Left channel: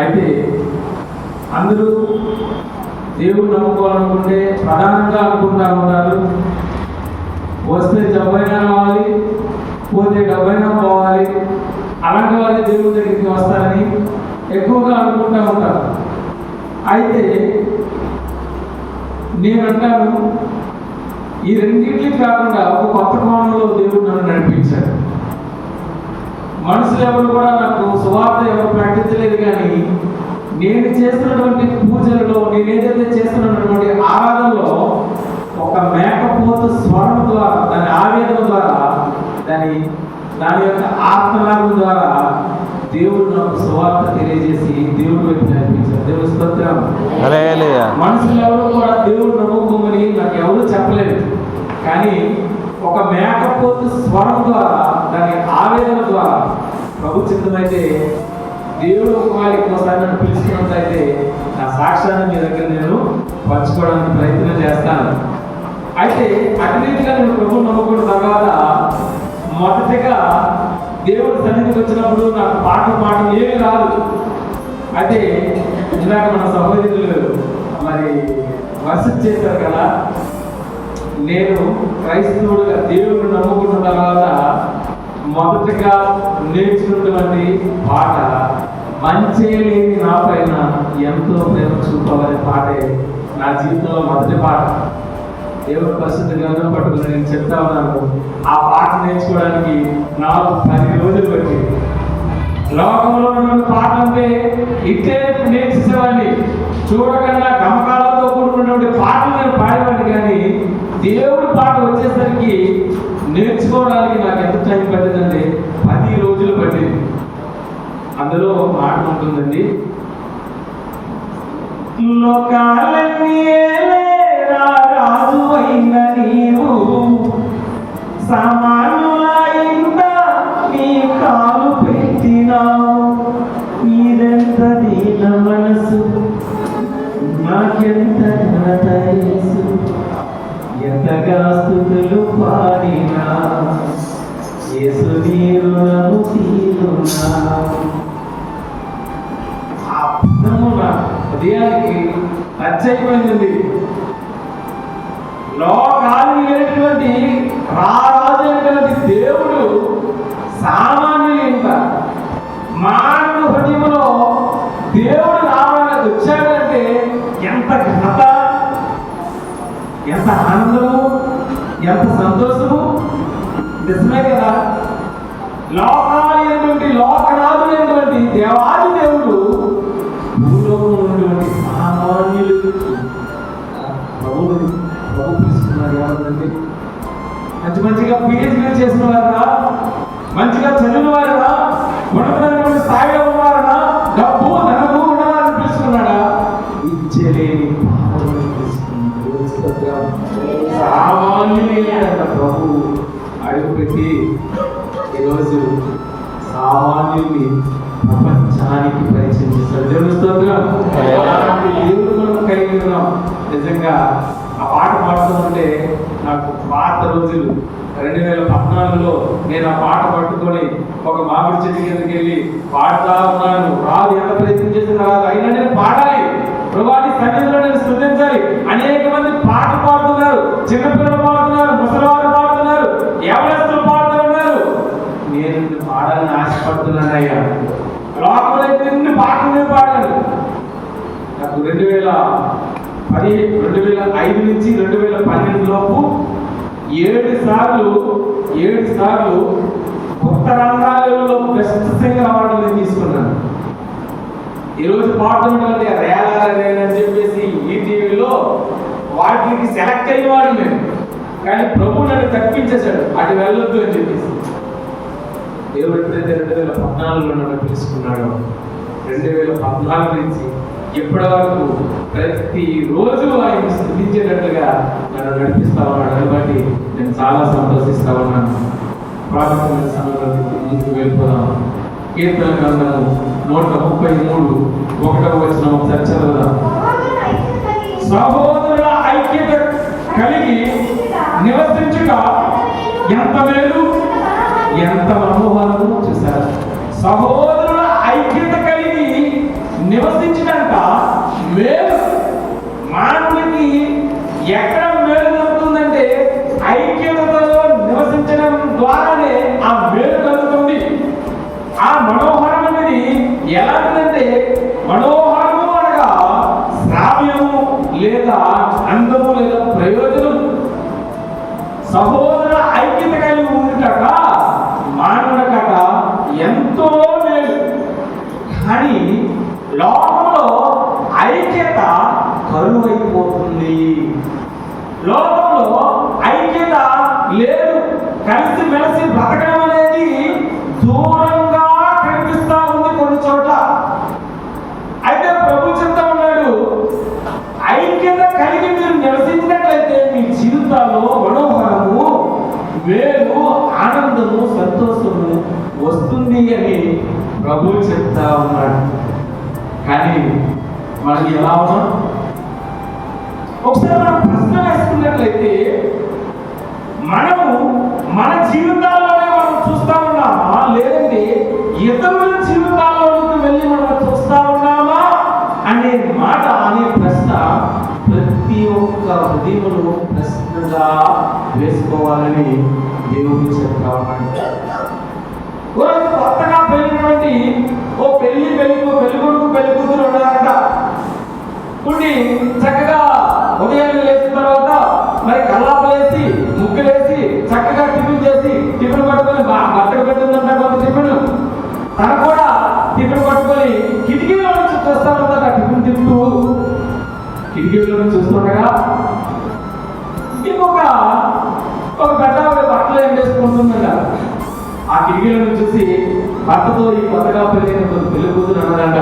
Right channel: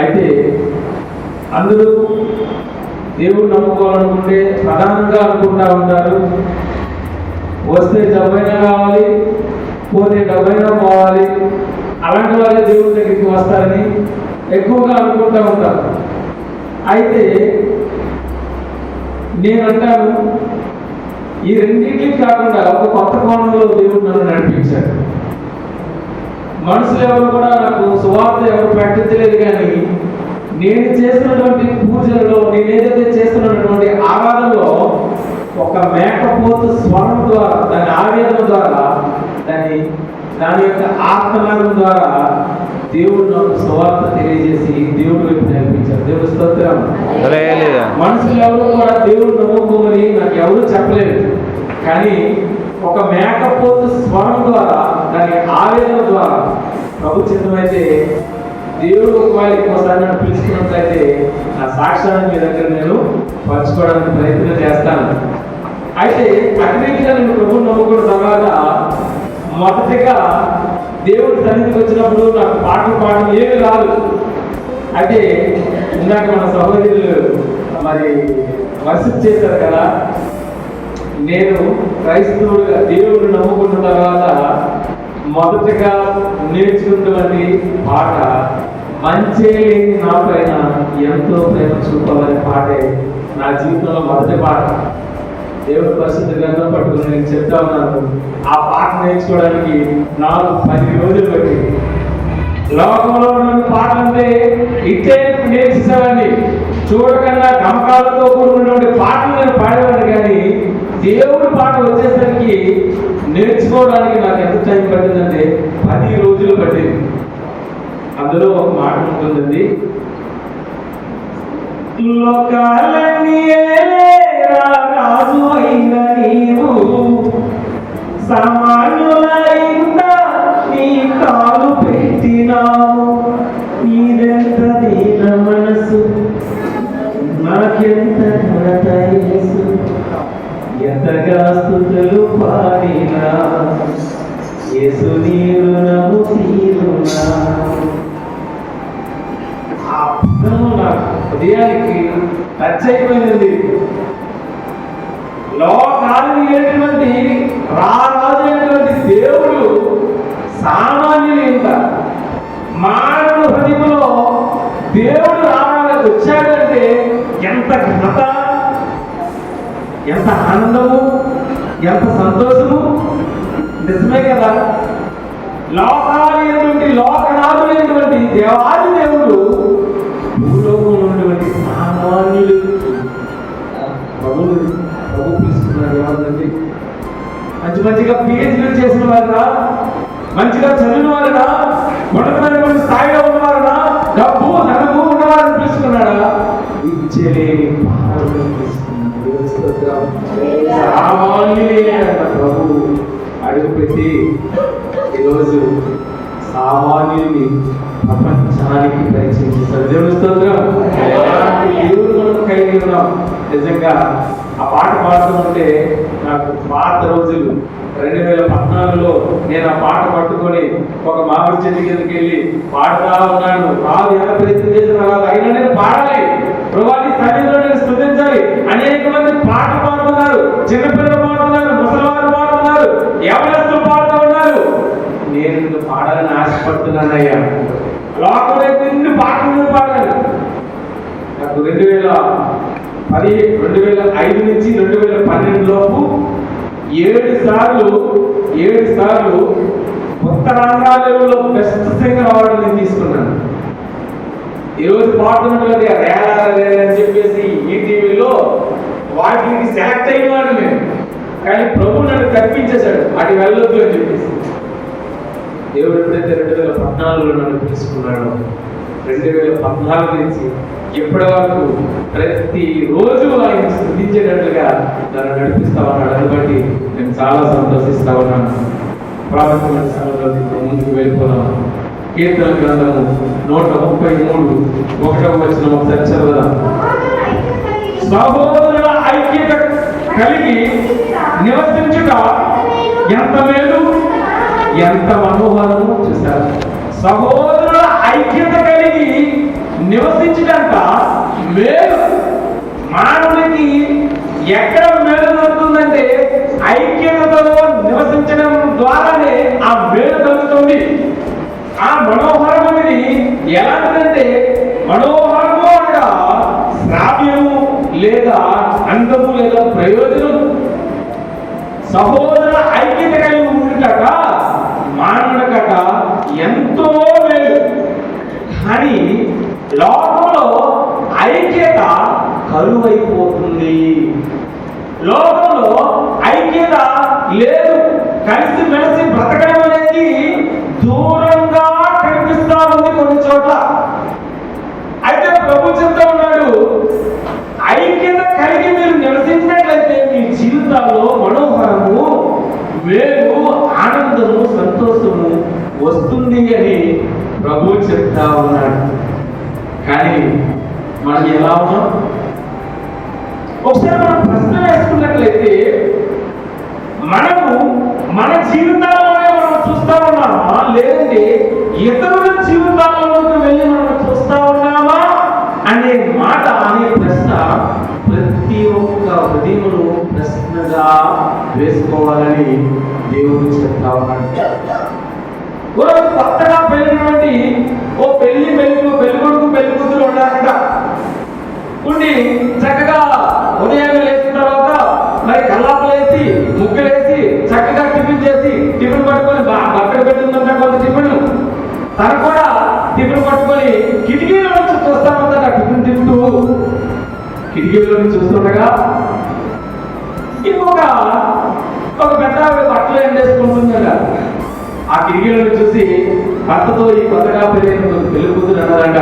అయితే అందరూ దేవుడు నమ్ముకోవాలనుకుంటే ప్రధానంగా అనుకుంటా ఉంటారు, వస్తే జబ్బైనా కావాలి, పోతే డబ్బైనా పోవాలి, అలాంటి వాళ్ళే దేవుడి దగ్గరికి వస్తారని ఎక్కువగా అనుకుంటూ ఉంటారు. అయితే నేనంటాను, ఈ రెండింటికి కాకుండా ఒక కొత్త కోణంలో దేవుడు నన్ను నడిపించాడు. మనుషులు ఎవరు కూడా నాకు సువార్త ఎవరు ప్రకటించలేదు, కానీ నేను చేస్తున్నటువంటి పూజలలో, నేను ఏదైతే చేస్తున్నటువంటి ఆరాధనలో ఒక మేకపోతు స్వరం ద్వారా, దాని ఆవేదన ద్వారా, దాని యొక్క ఆత్మనాదం ద్వారా దేవుడు నాకు సువార్త తెలియజేసి దేవుడు వైపు నడిపించాడు. దేవుడు స్తోత్రం. మనుషులు ఎవరు కూడా దేవుడు నమ్ముకోమని నాకు ఎవరు చెప్పలేదు, కానీ ఒక మేకపోతు స్వరం ద్వారా, దాని ఆవేదన ద్వారా ప్రభు చిత్తమైతే దేవుడు ఒకవేళ ఇంకోసారి నన్ను పిలుచుకున్నట్లయితే నా సాక్ష్యాన్ని మీ దగ్గర నేను పంచుకోవడానికి ప్రయత్నం చేస్తాను. అయితే అగ్నిగా నేను ప్రభు నమ్ముకున్న తర్వాత మొదటిగా దేవుడి సన్నిధికి వచ్చినప్పుడు నాకు పాటలు పాడడం ఏమీ రాదు. అయితే ఇందాక మన సహోదరులు మరి వర్షిప్ చేశారు కదా, నేను క్రైస్తవుడిగా దేవుడిని నమ్ముకున్న తర్వాత మొదటగా నేర్చుకున్నటువంటి పాట మంచే లేని నా పైన ఎంతో ప్రేమ చూపవలే పాటే నా జీవితంలో మొదటి పాట. దేవుడు పరిశుద్ధ గ్రంథం పట్టుకుని నేను చెప్తా ఉన్నాను, ఆ పాట నేర్చుకోవడానికి నాకు 10 రోజులు పట్టింది. లోకంలో ఉన్న పాటలు అంటే ఇట్టే నేర్చేసేవాడిని, చూడకుండా గమకాలతో కూడినటువంటి పాటలు నేను పాడేవాడిని, కానీ దేవుడి పాట వచ్చేసరికి నేర్చుకోవడానికి నాకు ఎంత టైం పట్టిందంటే 10 రోజులు పట్టింది. అందులో ఒక మాట ఉంటుందండి, లోకాలన్నీ రాజు అయిన నీవు సామాన్యులైన నీ కాలు పెట్టినావు, నీదెంత దీన మనసు నాకెంత ఘనత యేసు, ఎంతగా స్తుతులు పాడినా యేసు నీ రుణము తీరునా. ఆ పదము నా హృదయానికి టచ్ అయిపోయింది. లోకాలు అయినటువంటి రారాజు అయినటువంటి దేవుడు సామాన్యులు మానవ హృదయంలో దేవుడు రావడానికి వచ్చాడంటే ఎంత ఘనత, ఎంత ఆనందము, ఎంత సంతోషము. నిజమే కదా. లోకాలైనటువంటి లోకనాథులైనటువంటి దేవాది దేవుడు భూలోకంలో ఉన్నటువంటి సామాన్యులు ప్రభు తీసుకున్నాడు. ఏమందండి, మంచిగా పిహెచ్డీ చేసిన వారుగా, మంచిగా చదివిన వారుగా, ఉన్నతమైనటువంటి స్థాయిలో ఉన్నవారుగా, డబ్బు ధనము ఉన్నవారిని పిలుచుకున్నాడా? ఇచ్చేలేని సామాన్యులైన ప్రభు అడుగుపెట్టి ఈరోజు సామాన్యుల్ని ప్రపంచానికి పరిచయం చేశారు. దేవుని స్తోత్రం. అలాంటి దేవుడు మనం కలిగి ఉన్నాం. నిజంగా ఆ పాట పాడుతుంటే నాకు పాత రోజులు 2014లో నేను ఆ పాట పట్టుకొని ఒక మామిడి చెట్టు కిందకి వెళ్ళి పాడుతా ఉన్నాను. రాదు, ఎంత ప్రయత్నం చేసిన రాదు, అయినా నేను పాడాలి, ప్రభువాని సన్నిధిలో నేను స్తుతించాలి. అనేక మంది పాటలు పాడుతున్నారు, చిన్నపిల్లలు పాడుతున్నారు, ముసలివారు పాడుతున్నారు, యవనస్తులు పాడుతూ ఉన్నారు. నేను పాడాలని ఆశపడుతున్నానయ్యా. లోకంలో ఎన్ని పాటలు నేను పాడాను. నాకు 2005 నుంచి 2012 లోపు 7 సార్లు ఉత్తరాంధ్రలో బెస్ట్ సింగర్ అవార్డు నేను తీసుకున్నాను. ఈరోజు పాడుతున్నటువంటి రేలని చెప్పేసి ఈటీవీలో వాటికి సెలెక్ట్ అయిన వాడు నేను, కానీ ప్రభు నన్ను తప్పించేశాడు, అటు వెళ్ళొద్దు అని చెప్పేసి. దేవుడు ఎప్పుడైతే 2014లో నన్ను పిలుచుకున్నాడు, 2014 నుంచి ఇప్పటి వరకు ప్రతిరోజు ఆయన స్తుతించేటట్లుగా నన్ను నడిపిస్తా ఉన్నాడు. దాన్ని బట్టి నేను చాలా సంతోషిస్తా ఉన్నాను. ప్రారంభమైన సమయంలో ముందుకు వెళ్ళిపోదాం. కీర్తన గ్రంథము 133 ఒకసారి చదవదాం. సహోదరుల ఐక్యత కలిగి నివసించుట ఎంత మేలు, ఎంత మనోహరము. చూసారు, సహోదరుల ఐక్యత కలిగి ఆనందము లేదా ప్రయోజనం సహోదర ఐక్యత కలిగి ఉండుట మానవుడకట ఎంతో మేలు. కానీ లోకంలో ఐక్యత కరువైపోతుంది. లోకంలో ఐక్యత లేదు. కలిసి మెలిసి బ్రతకడం అనేది దూరంగా కనిపిస్తా ఉంది కొన్ని చోట్ల. అయితే ప్రభు చెప్తా ఉన్నాడు, ఐక్యత కలిగి మీరు నివసించినట్లయితే మీ జీవితాల్లో మనోహరము, మేలు, ఆనందము, సంతోషము వస్తుంది అని ప్రభు చెప్తా ఉన్నాడు. కానీ మనం ఎలా ఉన్నాం? ఒకసారి మనం ప్రశ్న వేసుకున్నట్లయితే మనము మన జీవితాల్లోనే మనం చూస్తా ఉన్నామా, లేదంటే ఇతరుల జీవితాల్లోకి వెళ్ళి మనం చూస్తా ఉన్నామా అనే మాట, అనే ప్రశ్న ప్రతి ఒక్క హృదయమును ప్రశ్నగా వేసుకోవాలని దేవుడు చెప్తా ఉన్నాడు. కొత్తగా పెళ్ళినటువంటి పెళ్లి కొడుకు పెళ్లి కూతురు ఉన్నారంట. ఉండి చక్కగా ఉదయాన్నే లేచిన తర్వాత మరి కల్లాపలేసి ముగ్గులేసి చక్కగా టిఫిన్ చేసి, టిఫిన్ పట్టుకొని బట్టలు పెట్టుకుందంట కొంత టిఫిన్, తను కూడా టిఫిన్ పట్టుకొని కిటికీలో నుంచి చూస్తానంట. టిఫిన్ తింటూ కిటికీలో నుంచి చూస్తుండగా ఇంకొక పెద్ద బట్టలు ఎండేసుకుంటుందట. ఆ కిటికీలో నుంచి చూసి భర్తతో ఈ కొత్తగా పెళ్లి కూతురు అన్నారంట,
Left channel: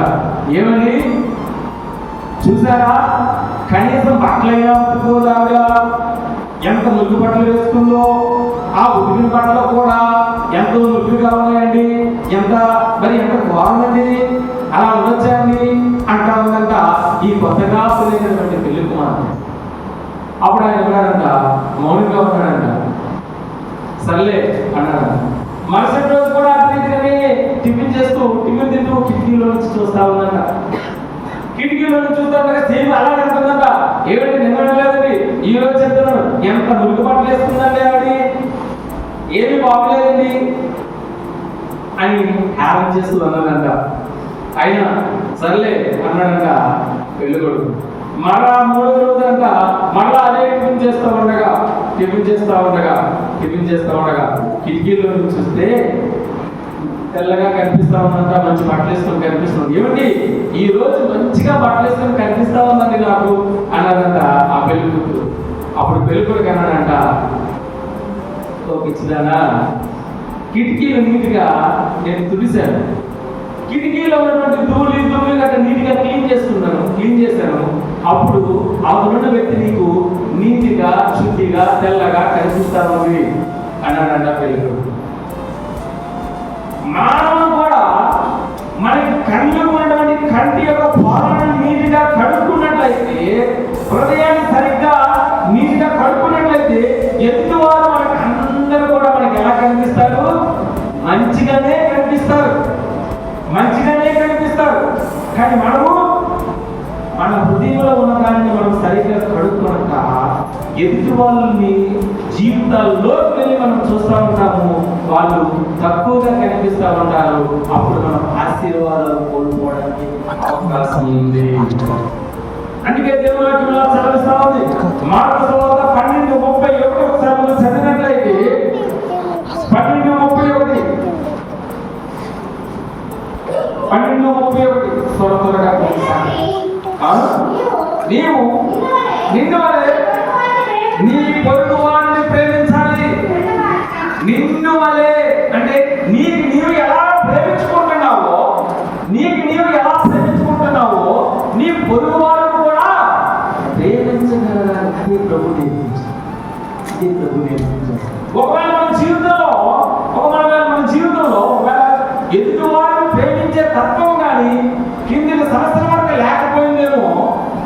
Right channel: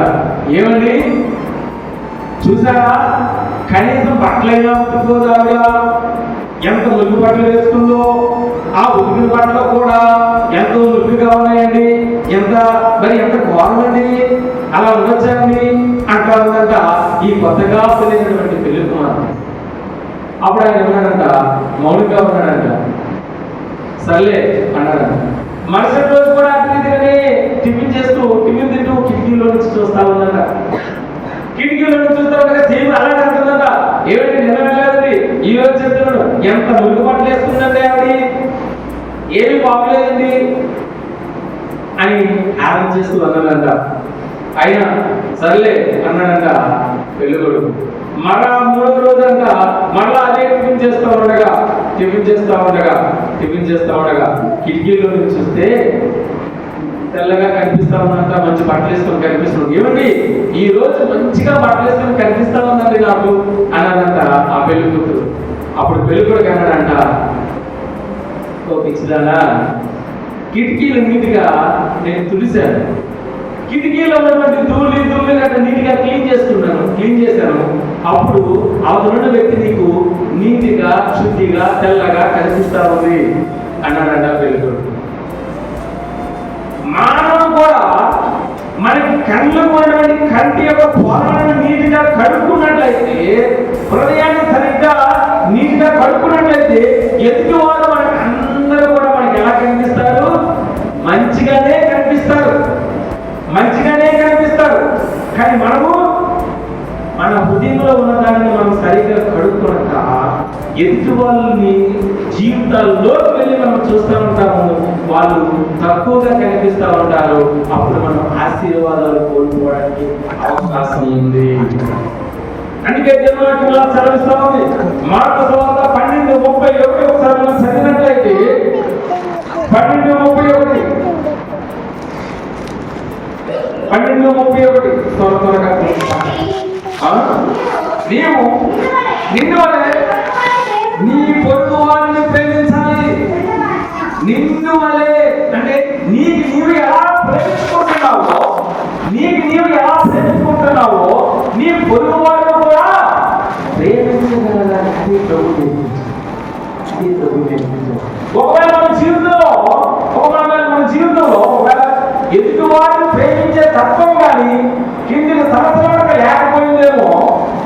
ఏమండి చూసారా, కనీసం బట్టలైనా ఉతుకోదాగా ఎంత మురుగు బట్టలు వేసుకుందో, ఆ ఉతికిన బట్టలు కూడా ఎంతో మురుగుగా ఉన్నాయండి, ఎంత బాగుందండి, అలా ఉండొచ్చండి అంటా ఉందంట ఈ కొత్తగా పెళ్ళినటువంటి పెళ్లి కుమారుడు. అప్పుడు ఆయన ఏమన్నాడంట, మౌనంగా ఉన్నాడంట. సర్లే అన్నాడు. మరుసటి రోజు కూడా అతని టిఫిన్ తింటూ కిటికీలో నుంచి చూస్తా ఉందంట. కిటికీలో నుంచి చూస్తా ఉండగా సేమ్ అలాగే అంటుందంట, ఏమిటి నిన్న వెళ్ళలేదండి, ఈ రోజు చెప్తున్నాడు ఎంత మురుగు బట్టలు వేసుకుందండి ఆవిడ, ఏమి బాగలేదండి అని ఆరం చేస్తూ అన్నాడంట. అయినా సర్లే అన్నాడంట పెళ్ళికొడుకు. మరలా మూడవ రోజు అంట మరలా అదే టిఫిన్ చేస్తూ ఉండగా కిటికీలో నుంచి చూస్తే తెల్లగా కనిపిస్తా ఉందంట, మంచి బట్టలు వేసుకొని కనిపిస్తుంది. ఏమండి ఈ రోజు మంచిగా బట్టలు వేసుకొని కనిపిస్తా ఉందండి నాకు అన్నాడంట ఆ పెళ్లి కూతురు. అప్పుడు పెళ్లి కొడుకు అన్నాడంట, ఓ పిచ్చిదానా, కిటికీలు నీటిగా నేను తులిశాను, కిటికీలో ఉన్నటువంటి ధూళి గట్ట నీటిగా క్లీన్ చేశాను, అప్పుడు అవతల వ్యక్తి నీకు నీతిగా, శుద్ధిగా, తెల్లగా కనిపిస్తా ఉంది అన్నాడంట పెళ్లి కొడుకు. మానవుడు కూడా మనకి కళ్ళు ఉన్నటువంటి కంటి యొక్క పాలనను నీటిగా కడుక్కున్నట్లయితే, హృదయాన్ని సరిగ్గా నీటిగా కడుక్కున్నట్లయితే ఎదుటివారు మనకి అందరూ కూడా మనకి ఎలా కనిపిస్తారు? మంచిగానే కనిపిస్తారు. కానీ మనము మన హృదయంలో ఉన్న దానిని మనం సరిగ్గా కడుక్కొనక ఎదుటి వాళ్ళని జీవితాల్లోకి వెళ్ళి మనం చూస్తూ ఉంటాము, వాళ్ళు తక్కువగా కనిపిస్తూ ఉంటారు. అప్పుడు మనం ఆశీర్వాదాలు కోల్పోవడానికి అవకాశం ఉంది. అందుకే దేవుడు చదివిస్తా ఉంది మార్కు సువార్త 12:31 ఒకసారి మనం చదివినట్లయితే 12:31 త్వరగా నీవు నిన్ను వలె నీ పొరుగు వారిని ప్రేమించాలి. నిన్ను వలె అంటే నీకు నీవు ఎలా ప్రేమించుకుంటున్నావో నీ పొరుగు వారిని కూడా ప్రేమించగలగాలి. ఒకవేళ మన జీవితంలో ఎదుటి వారిని ప్రేమించే తత్వం కానీ కింది సంవత్సరం వరకు లేకపోయిందేమో,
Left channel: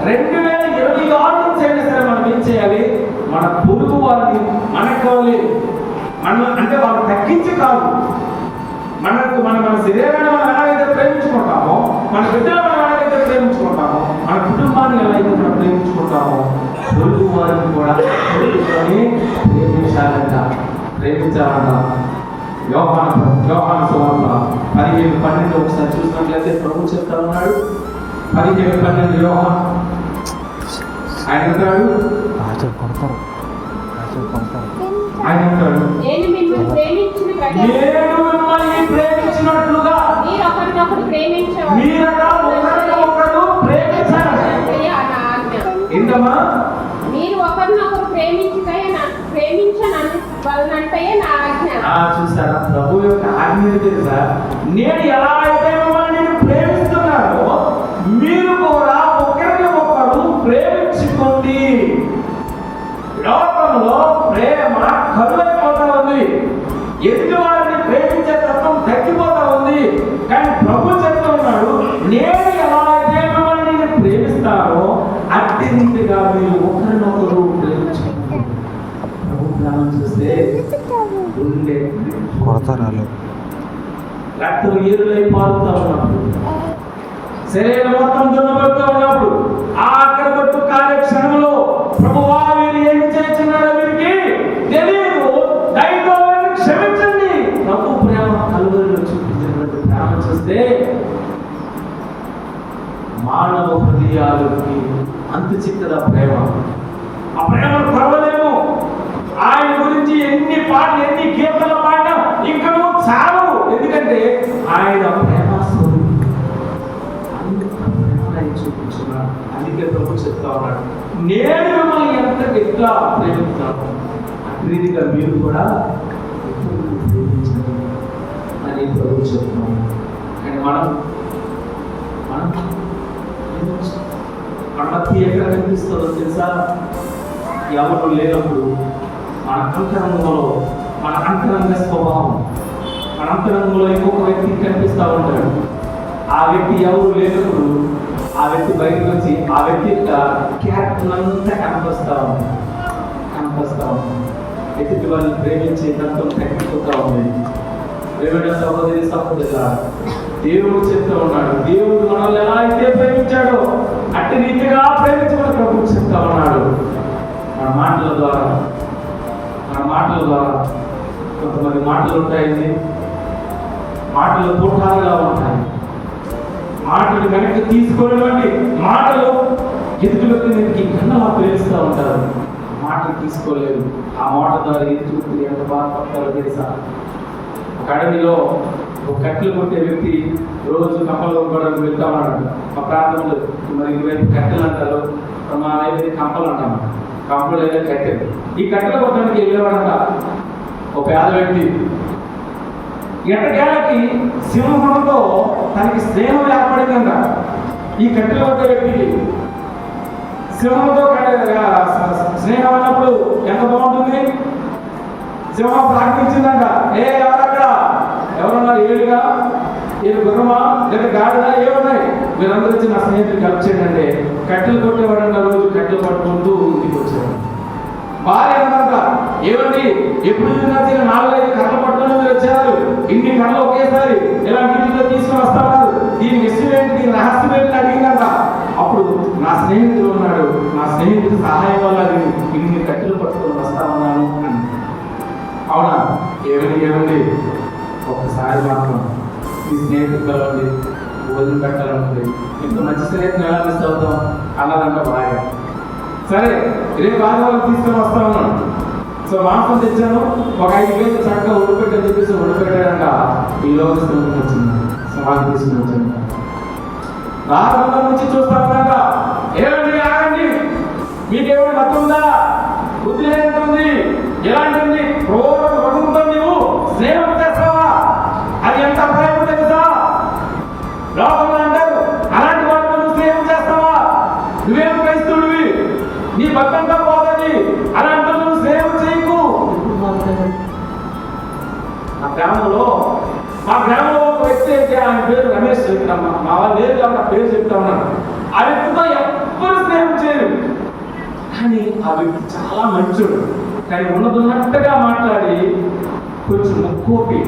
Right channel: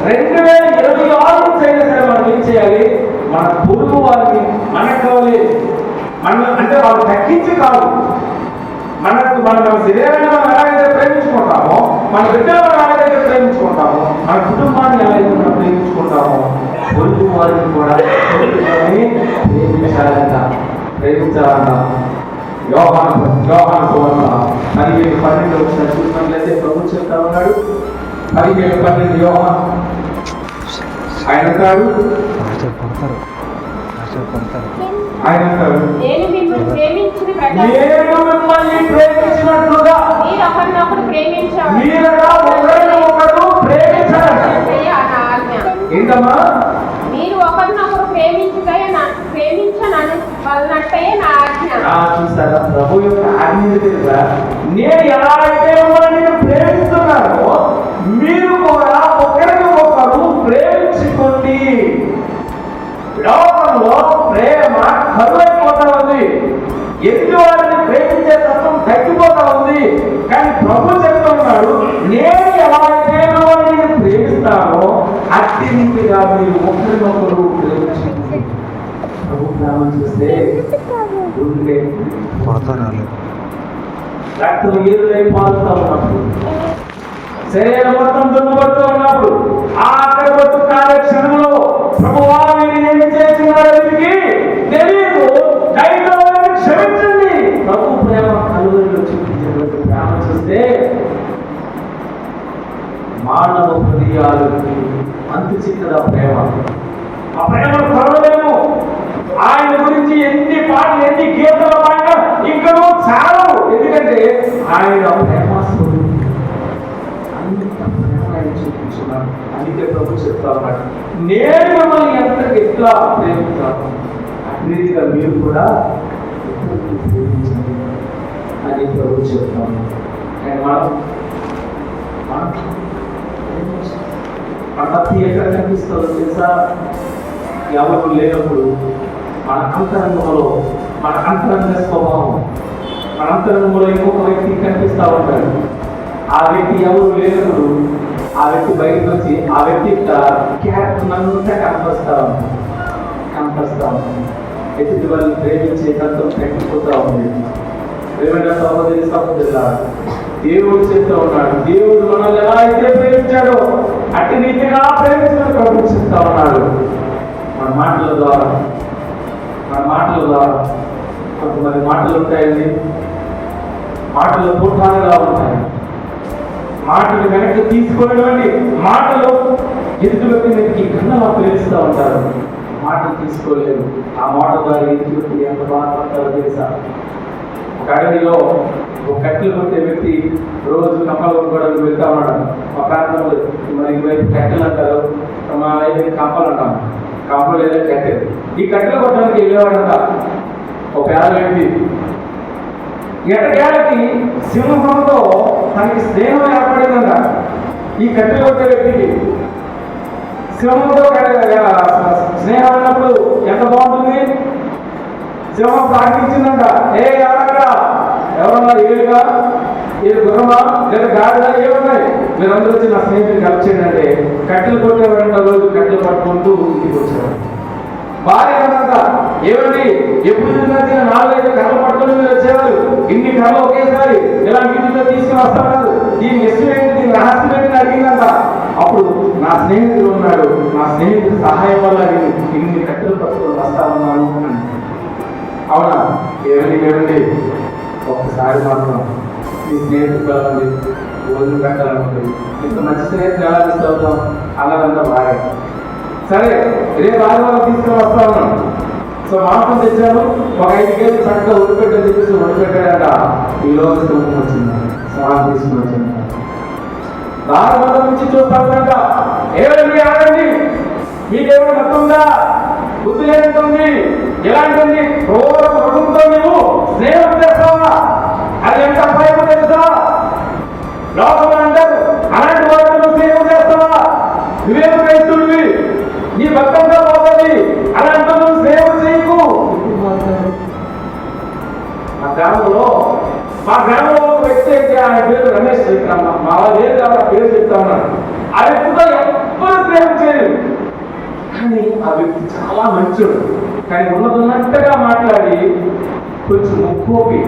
2026 నుంచి అయినా సరే మనం ఏం చేయాలి? మన పొరుగు వారిని మనకు కావాలి అంటే వాళ్ళు తగ్గించి కాదు, మన శరీరాన్ని మనం ఎలాగైతే ప్రేమించుకుంటామో, మన బిడ్డలు మనం ఎలాగైతే ప్రేమించుకుంటామో, మన కుటుంబాన్ని ఎలాగైతే మనం ప్రేమించుకుంటామో, పొరుగు వారిని కూడా ప్రేమించాలంట. యోహాను సువార్త 15:12 ఒకసారి చూసినట్లయితే ప్రభు చెప్తా ఉన్నాడు. 15:12 యోహాను ఆయన అంటాడు, ఆయన అంటారు, నేను మిమ్మల్ని ప్రేమించిన ప్రకారం నేను మిమ్మల్ని ప్రేమించినట్లుగా మీరు ఒకరినొకరు ప్రేమించాలి. మీరట ఒకరినొకరు ప్రేమించాలి. ఏంటమ్మా? మీరు ఒకరినొకరు ప్రేమించనన్నట్టే నా ఆజ్ఞ. చూసారా ప్రభు యొక్క ఆజ్ఞ తెలుసా? నేను ఎలా అయితే మిమ్మల్ని ప్రేమిస్తున్నానో మీరు కూడా ఒకరిని ఒకరు ప్రేమించుకోండి. లోకంలో ప్రేమ కరువైపోతా ఉంది. ఎదుటి వారిని ప్రేమించే తత్వం తగ్గిపోతా ఉంది. కానీ ప్రభు చెప్తూ ఉన్నాడు, నేను ఎలా అయితే మిమ్మల్ని ప్రేమిస్తానో అట్టి రీతిగా మీరు ఒకరినొకరు ప్రేమించుకోండి. ప్రభు ప్రేమను చూస్తే గుండె రక్తం ఏరులై పారుతా ఉన్నప్పుడు, శరీరం మొత్తం దున్నబడుతూ ఉన్నప్పుడు, ఆఖరి బతు కార్యక్షణంలో ప్రభువా మీరు ఏమి చేస్తున్నారో వీరికి తెలియదు, దైవాన్ని క్షమించండి. ప్రభు ప్రేమ కలువరిలో చూపించినటువంటి ప్రేమ చూస్తే మానవ హృదయాలకి అంతు చిక్కదా ప్రేమ. ఆ ప్రేమను కొరవలేము. ఆయన గురించి ఎన్ని పాటలు ఎన్ని గీతలు పాడినా ఇంకనూ చాలవు. ఎందుకంటే ఆయన ప్రేమ స్వరూపం. చూపించున్నాను. అందుకే ప్రభు చెప్తా ఉన్నాడు, నేను మిమ్మల్ని ఎట్లా ప్రేమిస్తాను అభివృద్ధిగా మీరు కూడా ప్రేమించండి అని ప్రభు చెప్తాను. కానీ మన భక్తి ఎక్కడ కనిపిస్తుందో తెలుసా? ఎవరు లేనప్పుడు మన అంతరంగ స్వభావం, మన అంతరంగంలో ఇంకొక వ్యక్తి కనిపిస్తూ ఉంటాడు. ఆ వ్యక్తి ఎవరు లేనప్పుడు ఆ వ్యక్తి బయటకు వచ్చి ఆ వ్యక్తి యొక్క క్యారెక్టర్ అంతా కనిపిస్తూ ఉంది. ఎదుటి వాళ్ళని ప్రేమించే తత్వం తగ్గిపోతూ ఉంది. ప్రేమ సహోదరులారా, దేవుడు చెప్తూ ఉన్నాడు, దేవుడు మనల్ని ఎలా అయితే ప్రేమించాడో అట్టి రీతిగా ప్రేమించడం ప్రభు చెప్తా ఉన్నాడు. మన మాటల ద్వారా కొంతమంది మాటలు ఉంటాయండి, మాటలు తోటాలుగా ఉంటాయి. మాటలు వెనక్కి తీసుకునేటువంటి మాటలు ఎదుటి వ్యక్తి కన్నలా ప్రేమిస్తూ ఉంటారు. మాటలు తీసుకోలేదు. ఆ మాట ద్వారా ఎదుటి వ్యక్తి ఎంత బాధపడతారో తెలుసా? ఒక అడవిలో ఒక కట్టెలు కొట్టే వ్యక్తి రోజు కంపలు కొనుక్కోవడానికి వెళ్తా ఉన్నాడు. మా ప్రాంతంలో మరి ఇటువైపు కట్టెలు అంటారు, మా వైపు కంపలు అంటాం. కంపలు లేదా కట్టెలు. ఈ కట్టెలు కొట్టడానికి వెళ్ళేవాడంట ఒక పేద వ్యక్తి. ఎటకేళ్ళకి సింహంతో తనకి స్నేహం ఏర్పడిందంట. ఈ కట్టెలు కొట్టే వ్యక్తికి సింహంతో స్నేహం అయినప్పుడు ఎంత బాగుంటుంది? సింహం ప్రార్థించిందంట, ఎవరన్నా ఏడుగా ఏడు గుర్రమా లేదా గాడిదా ఏమున్నాయి, మీరందరూ వచ్చి నా స్నేహితులు కలిసి చేయండి అంటే కట్టెలు కొట్టేవాడంట. రోజు కట్టెలు పట్టుకుంటూ ఇంటికి వచ్చేవాడు. భార్య ఏమంట, ఏమండి ఎప్పుడు 4-5 కర్రలు పట్టుకుని మీరు వచ్చేవారు, ఇన్ని కర్రలు ఒకేసారి ఇలా ఇంటిలో తీసుకుని వస్తామన్నారు, దీని ఎస్టిమేట్ దీని రహస్యం ఏంటి అడిగిందంట. అప్పుడు నా స్నేహితుడు ఉన్నాడు, నా స్నేహితుడు సహాయం వల్ల ఇన్ని కట్టెలు పట్టుకుని వస్తామన్నాను అని. అవునా? ఏమండి ఒక్కసారి మాత్రం మీ స్నేహితుడు కలవండి, భోజనం పెట్టాలనుకుంది. ఇంత మంచి స్నేహితులు ఎలా తీసుకెళ్తాం అన్నదంట భార్య. సరే రేపు ఆదివారం తీసుకొని వస్తా ఉన్నాను. సో మాంసం తెచ్చాను, ఒక 5 కేజీలు చక్కగా ఉడిపెట్టని చెప్పేసి ఉడిపెట్టాడంట. ఈ రోజు వచ్చింది, సమానం తీసుకుని వచ్చాను. రాజమండ్రి నుంచి చూస్తానంట, ఏమండి ఆగండి, మీకేమైనా మొత్తంగా బుద్ధి లేదంటుంది, ఎలాంటి క్రూర మృగంతో నువ్వు స్నేహం చేస్తావా? అది ఎంత అపాయం తెలుసా? లోపల అంటారు అలాంటి వాటిని స్నేహం చేస్తావా? నువ్వేం చేస్తుడివి, నీ భక్తంగా పోతుంది, అలాంటి నువ్వు స్నేహం చేయకు. మా గ్రామంలో ఒక వ్యక్తి అయితే ఆయన పేరు రమేష్. మా పేరు కాబట్టి ఆ పేరు చెప్తా ఉన్నాను. ఆ వ్యక్తితో ఎవ్వరు స్నేహం చేయరు, కానీ ఆ వ్యక్తి చాలా మంచోడు. కానీ ఉన్నట్టుగా మాట్లాడి కొంచెం ముక్కోపి,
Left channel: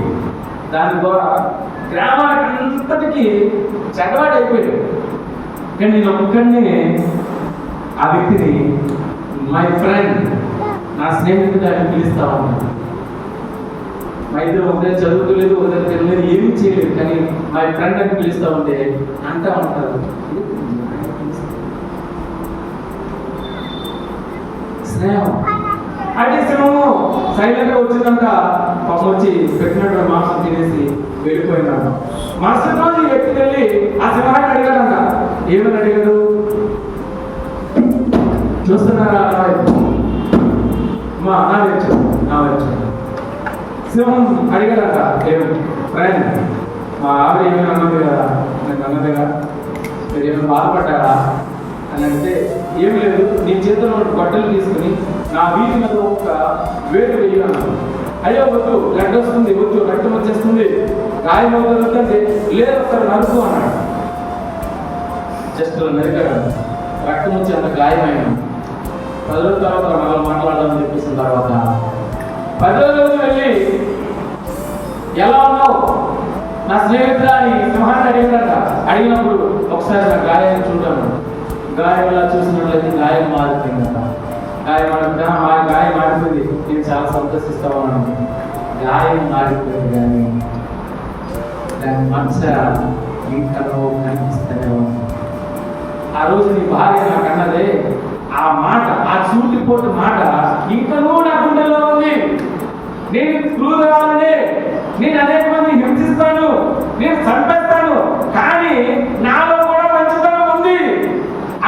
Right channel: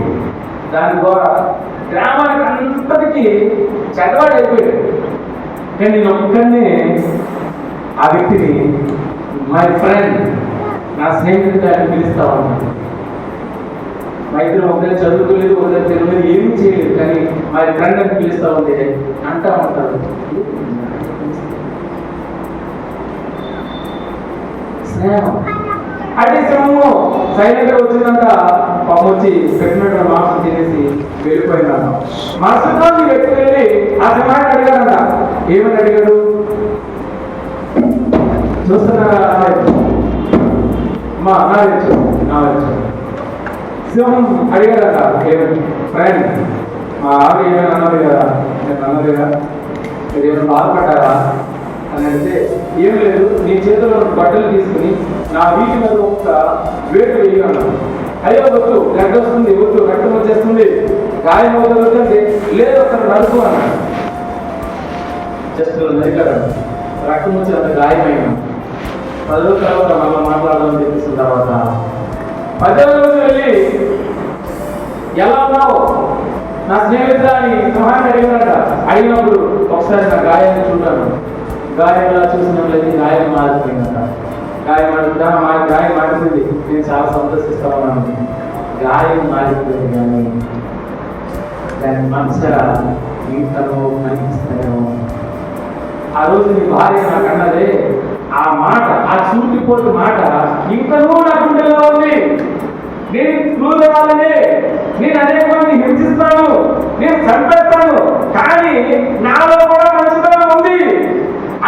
దాని ద్వారా గ్రామానికి అంతటికీ చెడ్డవాడైపోయాడు. కానీ నేను ఒక్కడినే ఆ వ్యక్తిని మై ఫ్రెండ్, నా స్నేహితుడు అని పిలుస్తా ఉన్నాను. మా ఇద్దరు ఒకటే చదువుకోలేదు, ఒకటే తెలియలేదు, ఏమీ చేయలేదు, కానీ మై ఫ్రెండ్ అని పిలుస్తూ ఉంటే అంటా ఉంటారు. స్నేహం. అంటే సింహము సైలెంట్ గా వచ్చిందంట, పాపం వచ్చి పెట్టినట్టు మాంసం తినేసి వెళ్ళిపోయినాడు. మరుసటి రోజు ఈ వ్యక్తి వెళ్ళి ఆ సింహాన్ని అడిగారంట. ఏమని అడిగాడు? చూస్తున్నారా? మా నా వచ్చు సింహం అడిగారట. ఏమని? ఫ్రెండ్, మా ఆవిడ ఏమైనా అన్నది కదా, నేను అన్నది కదా, మీరు ఏమైనా బాధపడ్డారా అని అంటే, ఏం లేదు, నీ చేతిలో గొడ్డలు తీసుకుని నా వీటి మీద ఒక వేటు వేయగలను. అయ్యో వద్దు, గడ్డ వస్తుంది, వద్దు, రక్తం వచ్చేస్తుంది, గాయం అవుతుందంటే, లేదు ఒకసారి నరుకు అన్నాడు. జస్ట్ నరికాడు, రక్తం వచ్చి అంత గాయమైనా 10 రోజుల తర్వాత మళ్ళీ మాట్లాడాలని చెప్పేసిన తర్వాత 10వ రోజు వెళ్ళి, ఎలా ఉన్నావు నా స్నేహితుడు అని సింహాన్ని అడిగాడట. అడిగినప్పుడు ఒకసారి నా గాయాన్ని చూడాను. గాయంలా చూసినట్లయితే గాయం మారిపోయిందట. గాయం మారిపోయింది. నేను చాలా సంతోషిస్తా ఉన్నాను. గాయం మారిపోయింది కానీ దాని మనస ఇంకనో కనిపిస్తాయో. ఆ రోజు నీ భార్య నాకు అన్నదే ఆ మాట, ఆ చూటిపోటు మాట ఇంకనూ నా గుండెలో ఉంది. నేను క్రూర్ కావాలని, నేను అనేక మంది హింసిస్తాను, నేను చంపేస్తాను, కానీ నాలో కూడా మంచితనం ఉంది.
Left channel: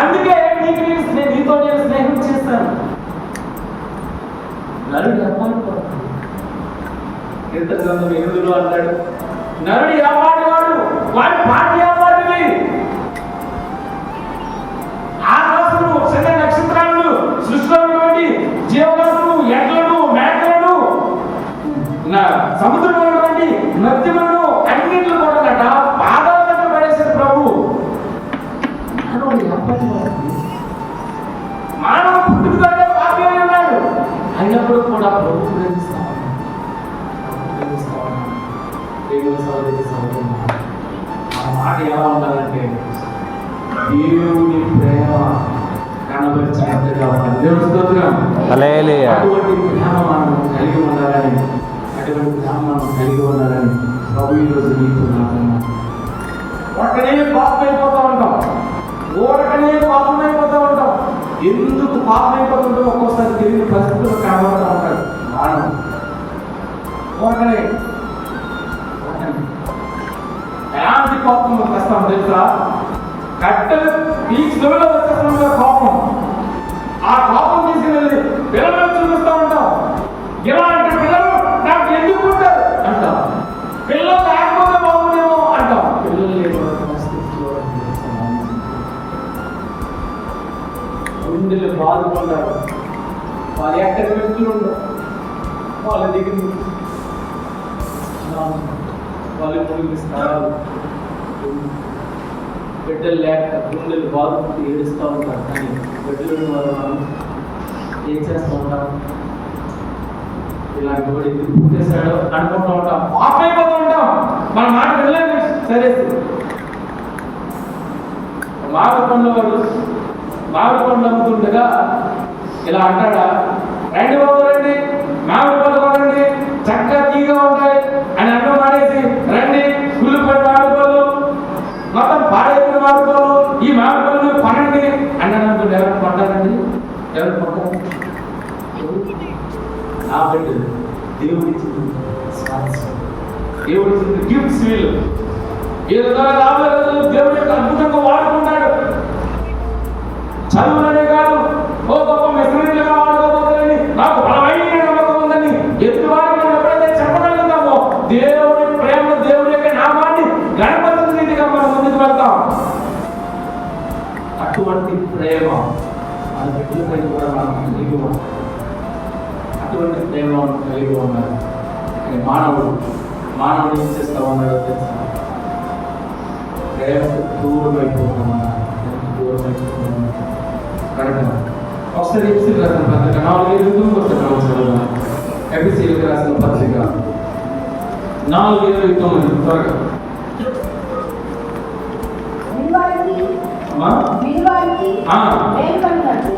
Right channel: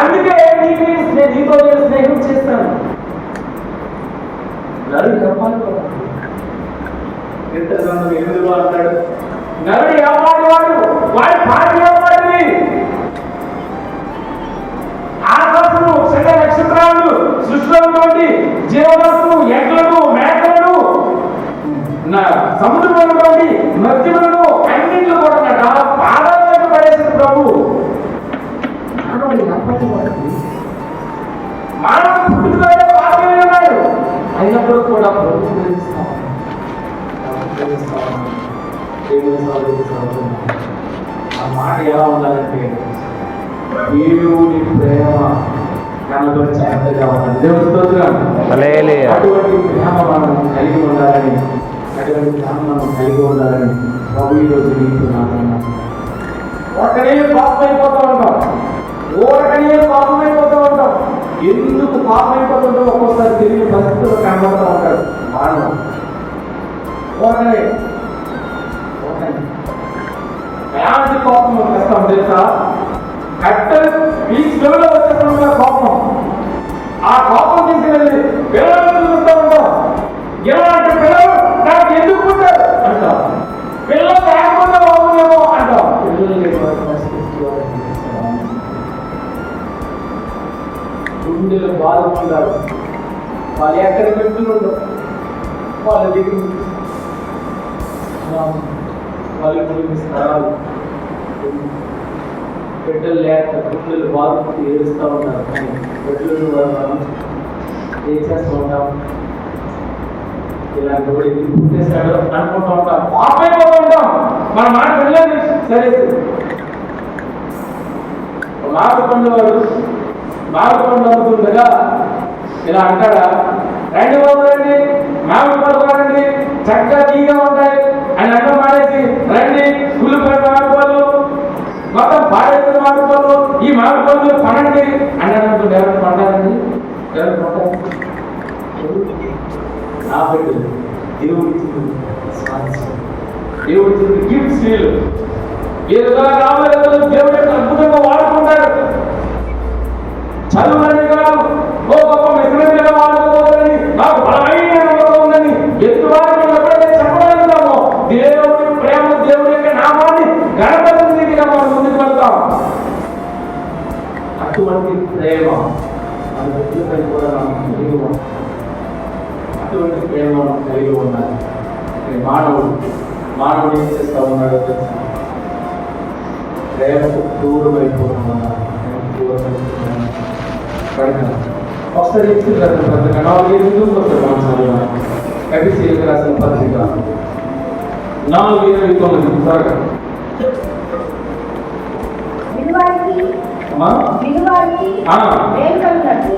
అందుకే నీతో నేను స్నేహం చేస్తాను. నరుడు చెప్పాలి కదా, గ్రంథం 8లో అంటాడు, నరుడు ఎవరి వాడు, వాడి భార్య వాడివి. ఆకాశము, సకల నక్షత్రాలు, సృష్టిలో ఉన్నటువంటి జీవవస్తులు, ఎడ్లను, మేకలను, సముద్రంలో ఉన్నటువంటి మధ్యలను అన్నింటిలో కూడా పాదాలను పడేసిన ప్రభు. మానవ పుట్టుకలో పాపమే ఉన్నాడు, అయినప్పుడు కూడా ప్రభు ప్రేమిస్తాను. ఆ మాట ఎలా ఉండాలంటే దేవుని ప్రేమ కనబరిచేంతగా ఉండాలి. దేవుని స్తోత్రం. అటువంటి ప్రేమ మనం కలిగి ఉండాలని, అటువంటి ప్రేమ మనం కలిగి ఉండాలని ప్రభు ఈరోజు నీకు నాకున్నాను. ఒకటే పాపమైపోతూ ఉంటాం, ఓరకనే పాపమైపోతూ ఉంటాం. ఎందుకు పాపమైపోతుందో ఒక్కోసారి తెలియని పరిస్థితులు కనబడుతూ ఉంటాడు మానవుడు. ఓరకనే ఎలాంటి కోపం వస్తాం తెలుసా? కట్టలు ఈ చెవిలో వచ్చేస్తున్న కోపం. ఆ కోపం తీసుకెళ్ళి పిల్లలను చూస్తూ ఉంటాం. ఇలాంటి పిల్లలు నాకు ఎందుకు ఉంటారు అంటాం. పిల్లలు లేకపోతే బాగుందేమో అంటాం. పిల్లలు గుండెలు బాధపడ్డారు. వాళ్ళు ఎక్కడ పెట్టుకుంటారు, వాళ్ళ దగ్గర వాళ్ళు స్థలాలు బిడ్డలు లేక గుండెలు బాధపడి ఏడుస్తూ ఉంటారు. కానీ బిడ్డలు మనం ఏం చేస్తూ ఉంటాం? ఇలాంటి వాడు ఎందుకు పుట్టేశాడు అనుకుంటూ ఉంటాం, పాపైపోతూ ఉంటాం. మన మాట వెళ్ళలేదు. సరే, మామిడి పండ్లు అమ్ముతుండగా ఇలా అంటాడా? రండి బాబు రండి, మామిడి పళ్ళు కొనండి, చక్కగా తీగా ఉంటాయి అని అన్నం మానేసి రండి కుళ్ళిపడి మామిడి పళ్ళు, మొత్తం పాడైన మామిడి పళ్ళు, ఈ మామిడి పళ్ళు కొనండి అన్నాడు. ఎవరు పంటారండి? ఎవరు పంటారు? నా బిడ్డలు దేవుడి గిఫ్ట్స్ వీళ్ళు. ఏదో రాబోయే దేవుడి యొక్క అద్భుతంగా వాడుకుంటాడు. చదువులని కాదు, ఓ గొప్ప మెసేజ్గా వాడుకోబోతుందని, నాకు బలమైన నమ్మకం ఉందని ఎత్తువాడి మనం ఎప్పుడైతే చెప్పగలుగుతామో దేవుడి ప్రేమ, దేవుడి యొక్క నామాన్ని గణపతి రీతిగా మనం ముందుకు వెళ్తాం. అటువంటి ప్రేమ మన బిడ్డలపై కూడా మనం కలిగి ఉన్నాం. అటువంటి ప్రేమ మనం కలిగి ఉన్నాం. మానవుడు ఏం చేస్తా ఉన్నాడో తెలుసా? ప్రేమకు దూరం అయిపోతున్నాడు. ఒకసారి ఎపిసి రాసిన పత్రిక 4:8 ఎపిసి రాసిన పత్రిక 4:29 త్వరగా.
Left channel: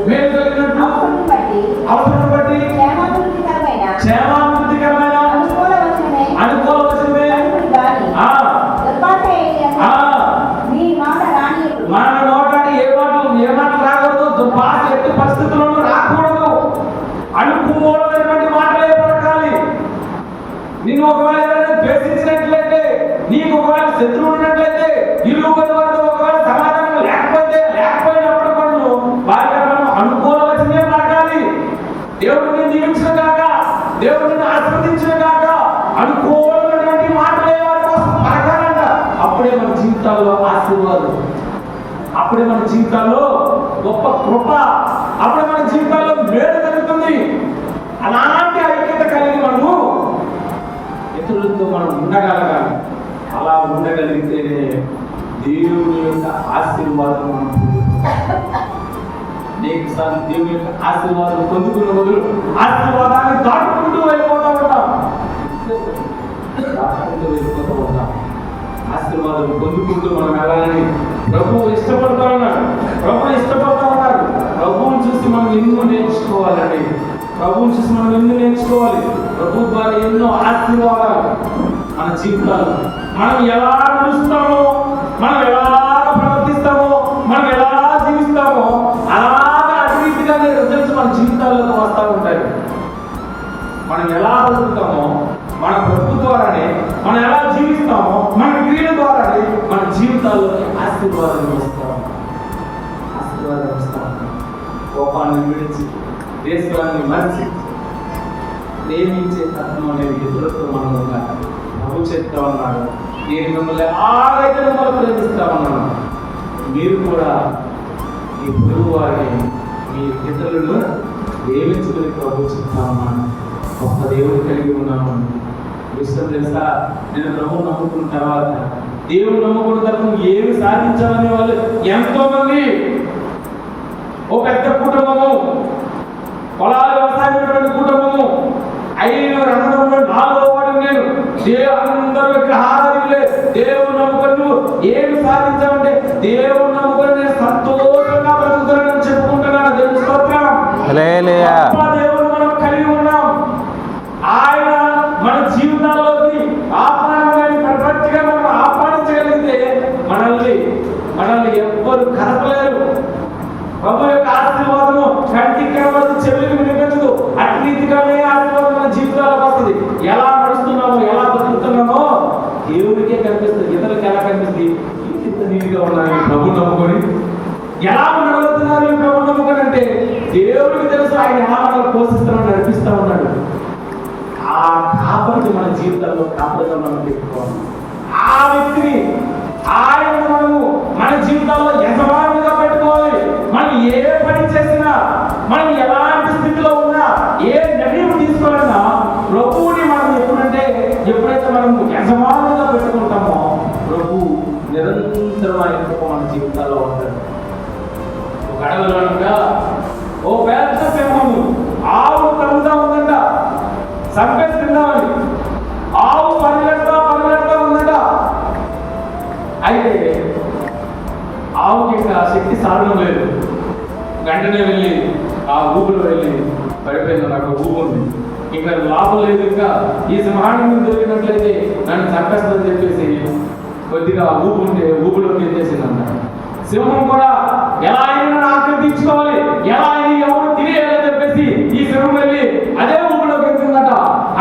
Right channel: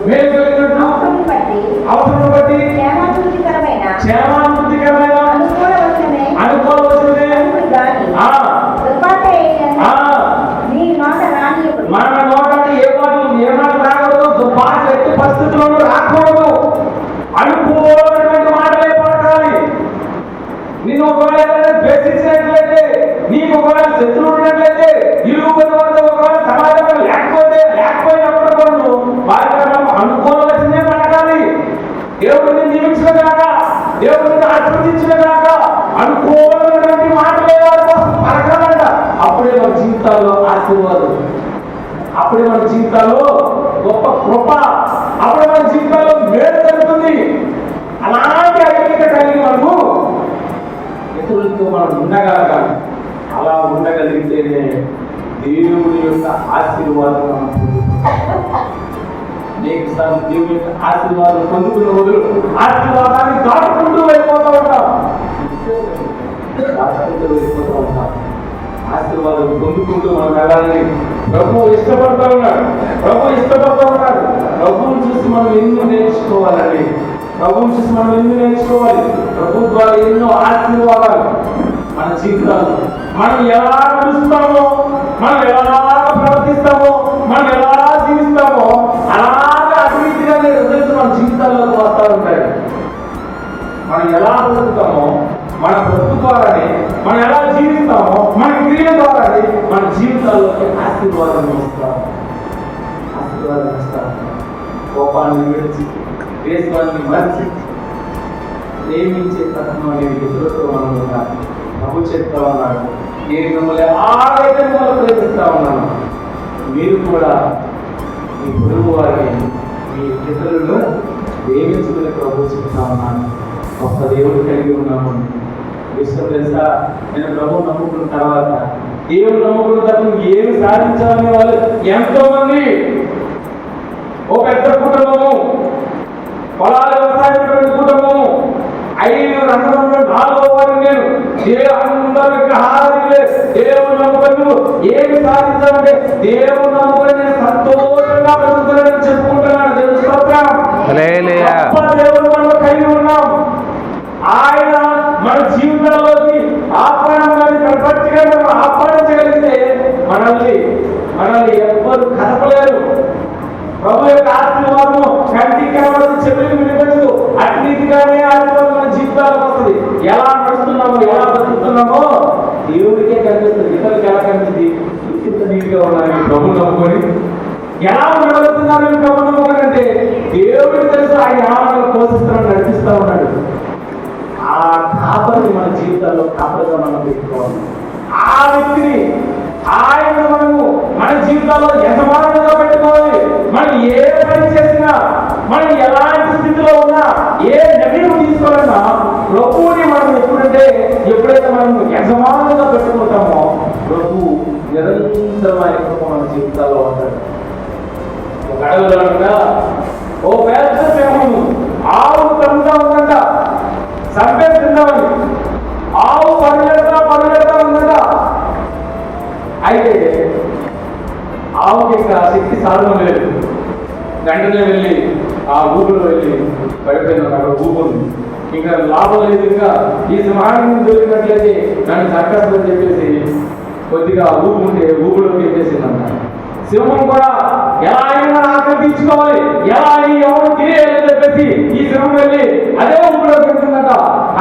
మేలు కలిగినట్టు అవసరం బట్టి క్షేమాభివృద్ధికరమైన అనుకోవలసినవే మన నోటాన్ని ఏ మాట రాకూడదు, దుర్భాష ఎట్టి పరిస్థితుల్లోనూ రాకూడదు. శత్రువు ఉన్నట్లయితే ఇరుగు వారితో ఒకవేళ సమాధానం లేకపోయినప్పుడు కూడా వారికి మనం అనుకూలంగా పడగాలి. దేవుడిని దీవించిన కాక, దేవుడిని ఆశీర్వదించిన కాక అనుకూలమైనటువంటి మాటలే వారి కోసం పడగాలంట. అప్పుడే మన జీవితాల్లో ఆశీర్వాదం, అప్పుడే మన జీవితాల్లో గొప్ప కృప, అప్పుడే మన జీవితాల్లో మేలు జరుగుతుంది. అలాంటి ఐక్యత కలిగి మనము ఇతరులతో మనం ఉండగలగాలి. అలా ఉండగలిగితేనే దేవుని యొక్క ఆశీర్వాదం మనం అనేకసార్లు దేవుని యొక్క ఆశీర్వాదం పొందుకున్న రోజులు ఆశీర్వాదాన్ని దాటుకుంటూ వెళ్ళిపోతూ ఉంటాం. ఆశీర్వాదం పొందుకుంటూ మనం వెళ్ళాలని ప్రభువు ఇష్టపడుతూ ఉన్నాడు. ప్రభువుని చూసి మనం ఎన్నో నేర్చుకోవాలండి. ప్రభువుని చూసి మనం ఎన్నో నేర్చుకోవాలి. ప్రభు ద్వారా ఎన్నో ఆశీర్వాదాలు మన జీవితాలు. మనం ఎలా నడుస్తామో, మనం ఎలా ప్రవర్తిస్తామో, మనం ఎలా జీవిస్తామో అలాగే అభివృద్ధిగా రిజల్ట్స్ మన జీవితాల్లోకి వస్తూ ఉంటాయి. మనం ఎలా బతుకుతామో మన ప్రభు ద్వారానే, మనం ఎలా జీవిస్తామో మన క్రియల ద్వారానే మన జీవితాల్లోకి ఆశీర్వాదం ఇస్తాం. కోపాన్ని విడిచి, దేశాన్ని మరిచి ప్రేమించే తత్వం ఇతరులతో మనం ఉండాలి. ప్రభు చెప్తా ఉన్నాడు, నేను మిమ్మల్ని ఆగైతే మిమ్మల్ని ప్రేమిస్తా ఉన్నాను, మీరు కూడా మీ పొరుగు వారిని, మీ ఇతరులను ప్రేమించుకుని ప్రభు చెప్తా ఉన్నాను. గొప్ప దేవుడు కలిగి ఉన్నాము. విషయం తెలుసా, నేను ప్రభు నమ్ముకున్న తర్వాత, దేవుడు నమ్ముకున్న తర్వాత ఏమి సాధించాలనే వాళ్ళు ఎంతో మంది. ఓ పెద్ద కుటుంబము, పొలాలు వ్యవసాయం కుటుంబము, 5 అందరూ 4వ వారిని నేను, అందరూ విగ్రహారాధకులే. దేవుడు నమ్ముకుని ఏమి సాధించాలంటే దేవుడు నమ్ముకుని నేను సంతోషంగా బ్రతుకుతున్నానని చెప్పుకుంటున్నాను. దేవుడు స్తోత్రం. దేవుడు మనం కలిగి ఉన్నాం. ఆయన మన జీవితాల్లోకి ఆహ్వానం ప్రపంచగా మనం ఆహ్వానం చేయగలిగితే మనల్ని ఎవ్వరు కదపలేరు. ప్రభు యొక్క ఆశీర్వాదము కంటికి కనబడదు, చెవులకు వినిపించదు. అట్లీతిగానే ఆశీర్వాదం మన జీవితాల్లోకి వస్తుంది. ఎలా నడుస్తున్నామో, ఎలా బతుకుతున్నామో దేవుడికే కనిపిస్తుంది. ఇతరులకు ఎలా కనిపిస్తుంది? ఇంత నీటిగా ఉన్నాను ప్రభు నమ్ముకొని, ఎలా ఉండగలుగుతున్నాను ప్రభు నమ్ముకొని అంటే దేవుడికి తెలుసు ఆయన ఎలా మనల్ని పోషిస్తున్నాడు, నడిపిస్తూ ఉన్నాడు. ఆ కాపరిని మన జీవితాల్లో కాపరిగా మనం పెట్టుకోవాలి. ఆ వ్యక్తిని ఆయన మనము మన జీవితాల్లో యజమానులుగా పెట్టుకోవాలి. మనం ఏ పని చేసినా, మనం ఎలాంటి స్థితిలో ఉన్నా, ఏ నిర్ణయం తీసుకోవాలన్నా ప్రభువుని మనం ఎప్పుడైతే మనం యజమానులుగా పెట్టుకుంటామో ప్రభు నిరంతరమైన కృప మన జీవితాల్లో ఉంటాడు. ఒక అడవిలో ఉండగా ఓ పెద్ద సింహము ఆవు తరుగుతా ఉందంట, చంపేస్తున్నామని. ఆవు పరుగెడతా ఉందట. అయితే ఆవుకి ఇంకా శక్తి సాధనం లేదు. వెంటనే వెళ్ళి ఆ ఊపిలో వెళ్ళి పడిపోయింది. అక్కడ ఊపుంది, ఇంకా లాభం లేదు. ఇంకా ఈ సింహాన్ని దొరికినట్లయితే నన్ను చక్కస్తుందని చెప్పేసి కొద్దిగా ఊపుంటే ఊపిలోకి చేసింది అన్నమాట. సింహం కూడా ఎలా అయినా ఆక్రమించుకోవాలి, ఎలా అయినా ఎవరు తినేయాలని చెప్పేసి ఈ సింహం వెళ్ళి అదే ఊపిలో పెడుతుందట.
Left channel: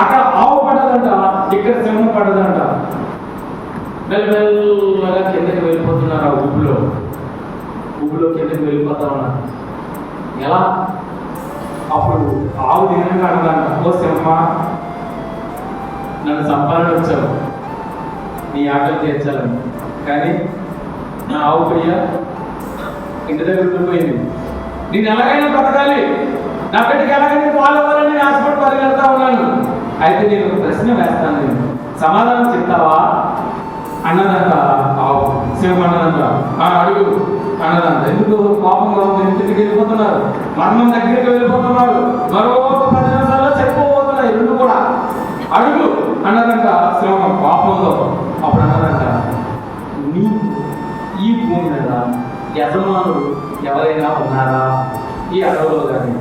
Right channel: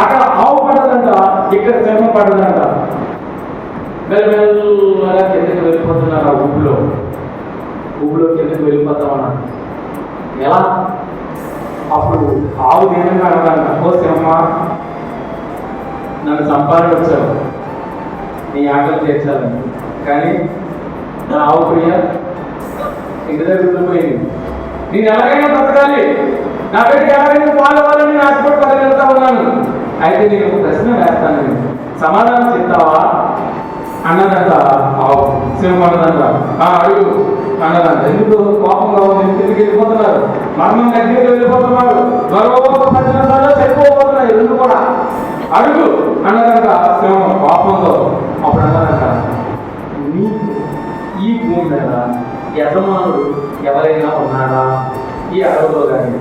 అక్కడ ఆవు పడదంట, ఇక్కడ సింహం పడదంట. మెల్లమెల్లగా కిందకి వెళ్ళిపోతున్నారు. ఆ ఊపిలో కిందకి వెళ్ళిపోతా ఉన్నారు. ఎలా? అప్పుడు ఆవు దీనంగా అన్నదాన్ని, ఓ సింహ, నన్ను సంపాదన వచ్చావు, నీ ఆకలి తీర్చాలని, కానీ నా ఆవు ప్రియ ఇంటి దగ్గర ఉండిపోయింది. నేను ఎలాగైనా బ్రతకాలి, నా బిడ్డకి ఎలాగైనా పాలు ఇవ్వాలని నేను ఆశపడి పరిగెడతా ఉన్నాను. అయితే నేను ఒక ప్రశ్న వేస్తాను, నేను సమాధానం చెప్తావా అన్నదంట ఆవు. సింహం అన్నదంట, అడుగు అన్నదంట. ఎందుకు కోపంగా ఉంది, ఇంటికి వెళ్ళిపోతున్నారు, మరణం దగ్గరికి వెళ్ళిపోతున్నారు, మరో 10 నిమిషాల్లో చనిపోబోతున్నాయి రెండు కూడా. అడుగు అన్నదంట సింహం కోపంలో. అప్పుడు అన్నదంట, నీకు ఈ భూమి మీద యజమానుడు ఎవరైనా ఉన్నారా ఈ అడవులో? కానీ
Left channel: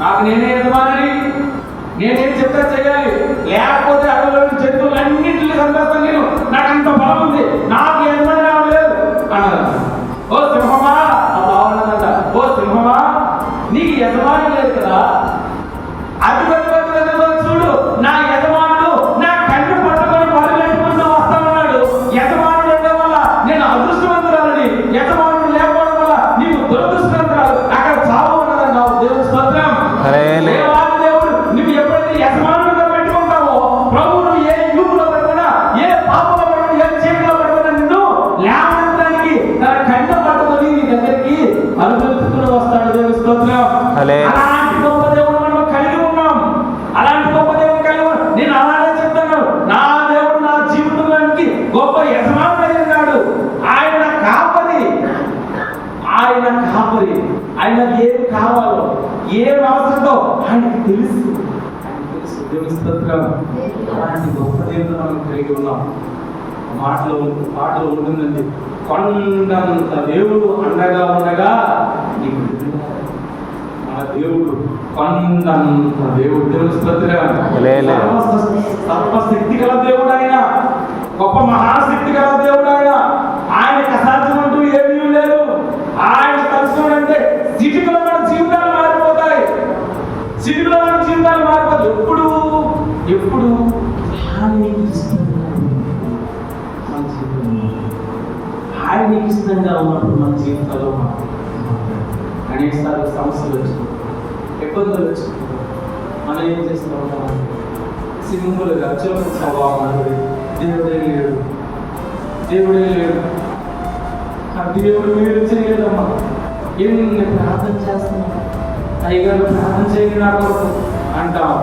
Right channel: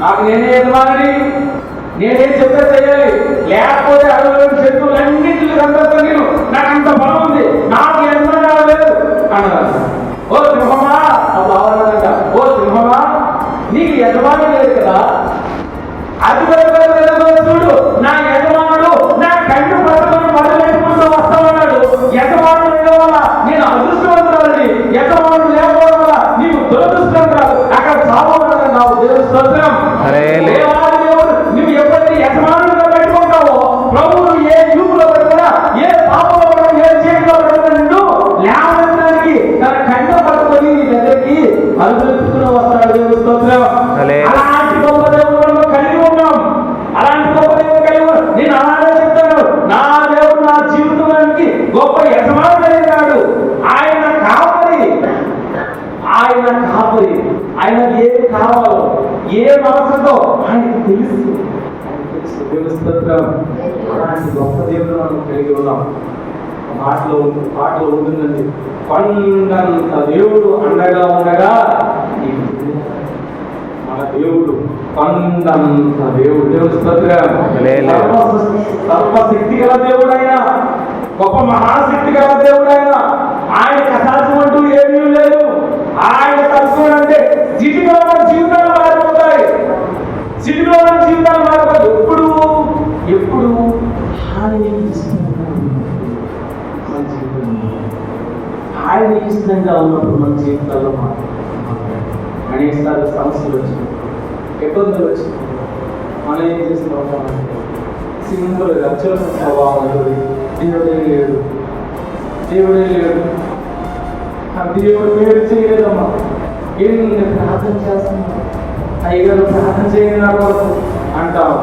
నాకు నేనే యజమాని, నేనేం చెప్తే చేయాలి, లేకపోతే అడవులో జంతువులన్నింటినీ సందర్భం నేను, నాకు అంత బలం ఉంది, నాకు యజమాని లేదు అన్నదంట. ఓ సింహమా, అప్పుడు అవన్నదంట, ఓ సింహమా, నీకు యజమాని లేదు కదా, అది చూడు, నా యజమానుడు నా కన్ను పట్టుకొని మొదలెట్టుకుంటూ వస్తా ఉన్నాడు, యజమాని ఆయన కాపరి, ఆయన ఏది కావాలో ఏం అవసరమో ఆయనకు తెలుసు. దేవుని స్తోత్రం. అలాంటి గొప్ప దేవుడు మనం కలిగి ఉన్నాం. పాటలో ఉంటుందండి, కొండంత దేవుడు అండగా ఉండగా నీకు మన దేవుడు కొండంత దేవుడు. దేవుని స్తోత్రం. సర్వశక్తి గల దేవుడు ఆయన, గొప్ప మహాశక్తి గల దేవుడు ఆయన. ఆయనకి అసాధ్యం అంటూ ఏమీ లేదు. ఆయన తలుచుకోవాలంటే సిటీలో మన జీవితాలు మారిపోతాయి. సిటీలో మన జీవితాలు మారిపోతాయి. ఎప్పుడు ఆయనకి ఇష్టంగా ఉన్నప్పుడు మన జీవితాల్లో అనేకసార్లు సమస్యలు వచ్చినాయి, ఇబ్బందులు వచ్చినాయి. మనం ఏం చేస్తున్నాం? సింపుల్గా చదువు స్వభావం అనేది దేవుడే లేడు, దేవుడే లేడు, దేవుడు మేలు చేయలేదమ్మా. ఎన్ని ప్రార్థన చేస్తున్నా, అయ్యగారు ప్రార్థన చేయండి నా కొరకు అంటాం.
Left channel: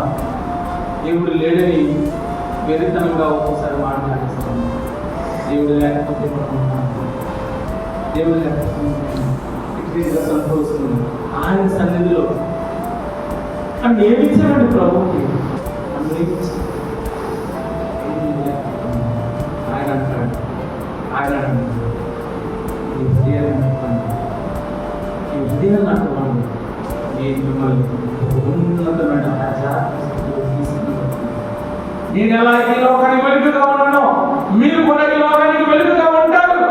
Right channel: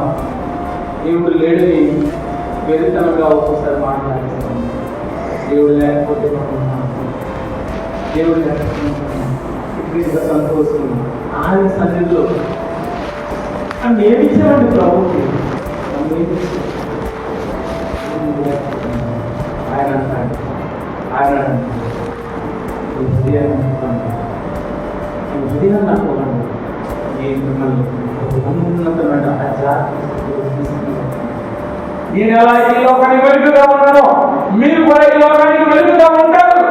దేవుడు లేడని వెరితనంగా ఒక్కోసారి మాట్లాడేస్తాం. దేవుడు లేకపోతే దేవుడు లేకపోతే సంతోషం ఆయన సన్నిధిలో అని ఏమిచ్చారండి ప్రభుకి. ఆయన అంటాడు, ఆయన హృదయం నాకు నేను మిమ్మల్ని ఉన్నతమైన నేను ఎలా ఈ లోకానికి వెలుగుగా ఉన్నానో మీరు కూడా ఈ లోకానికి వెలుగుగా ఉంటారు.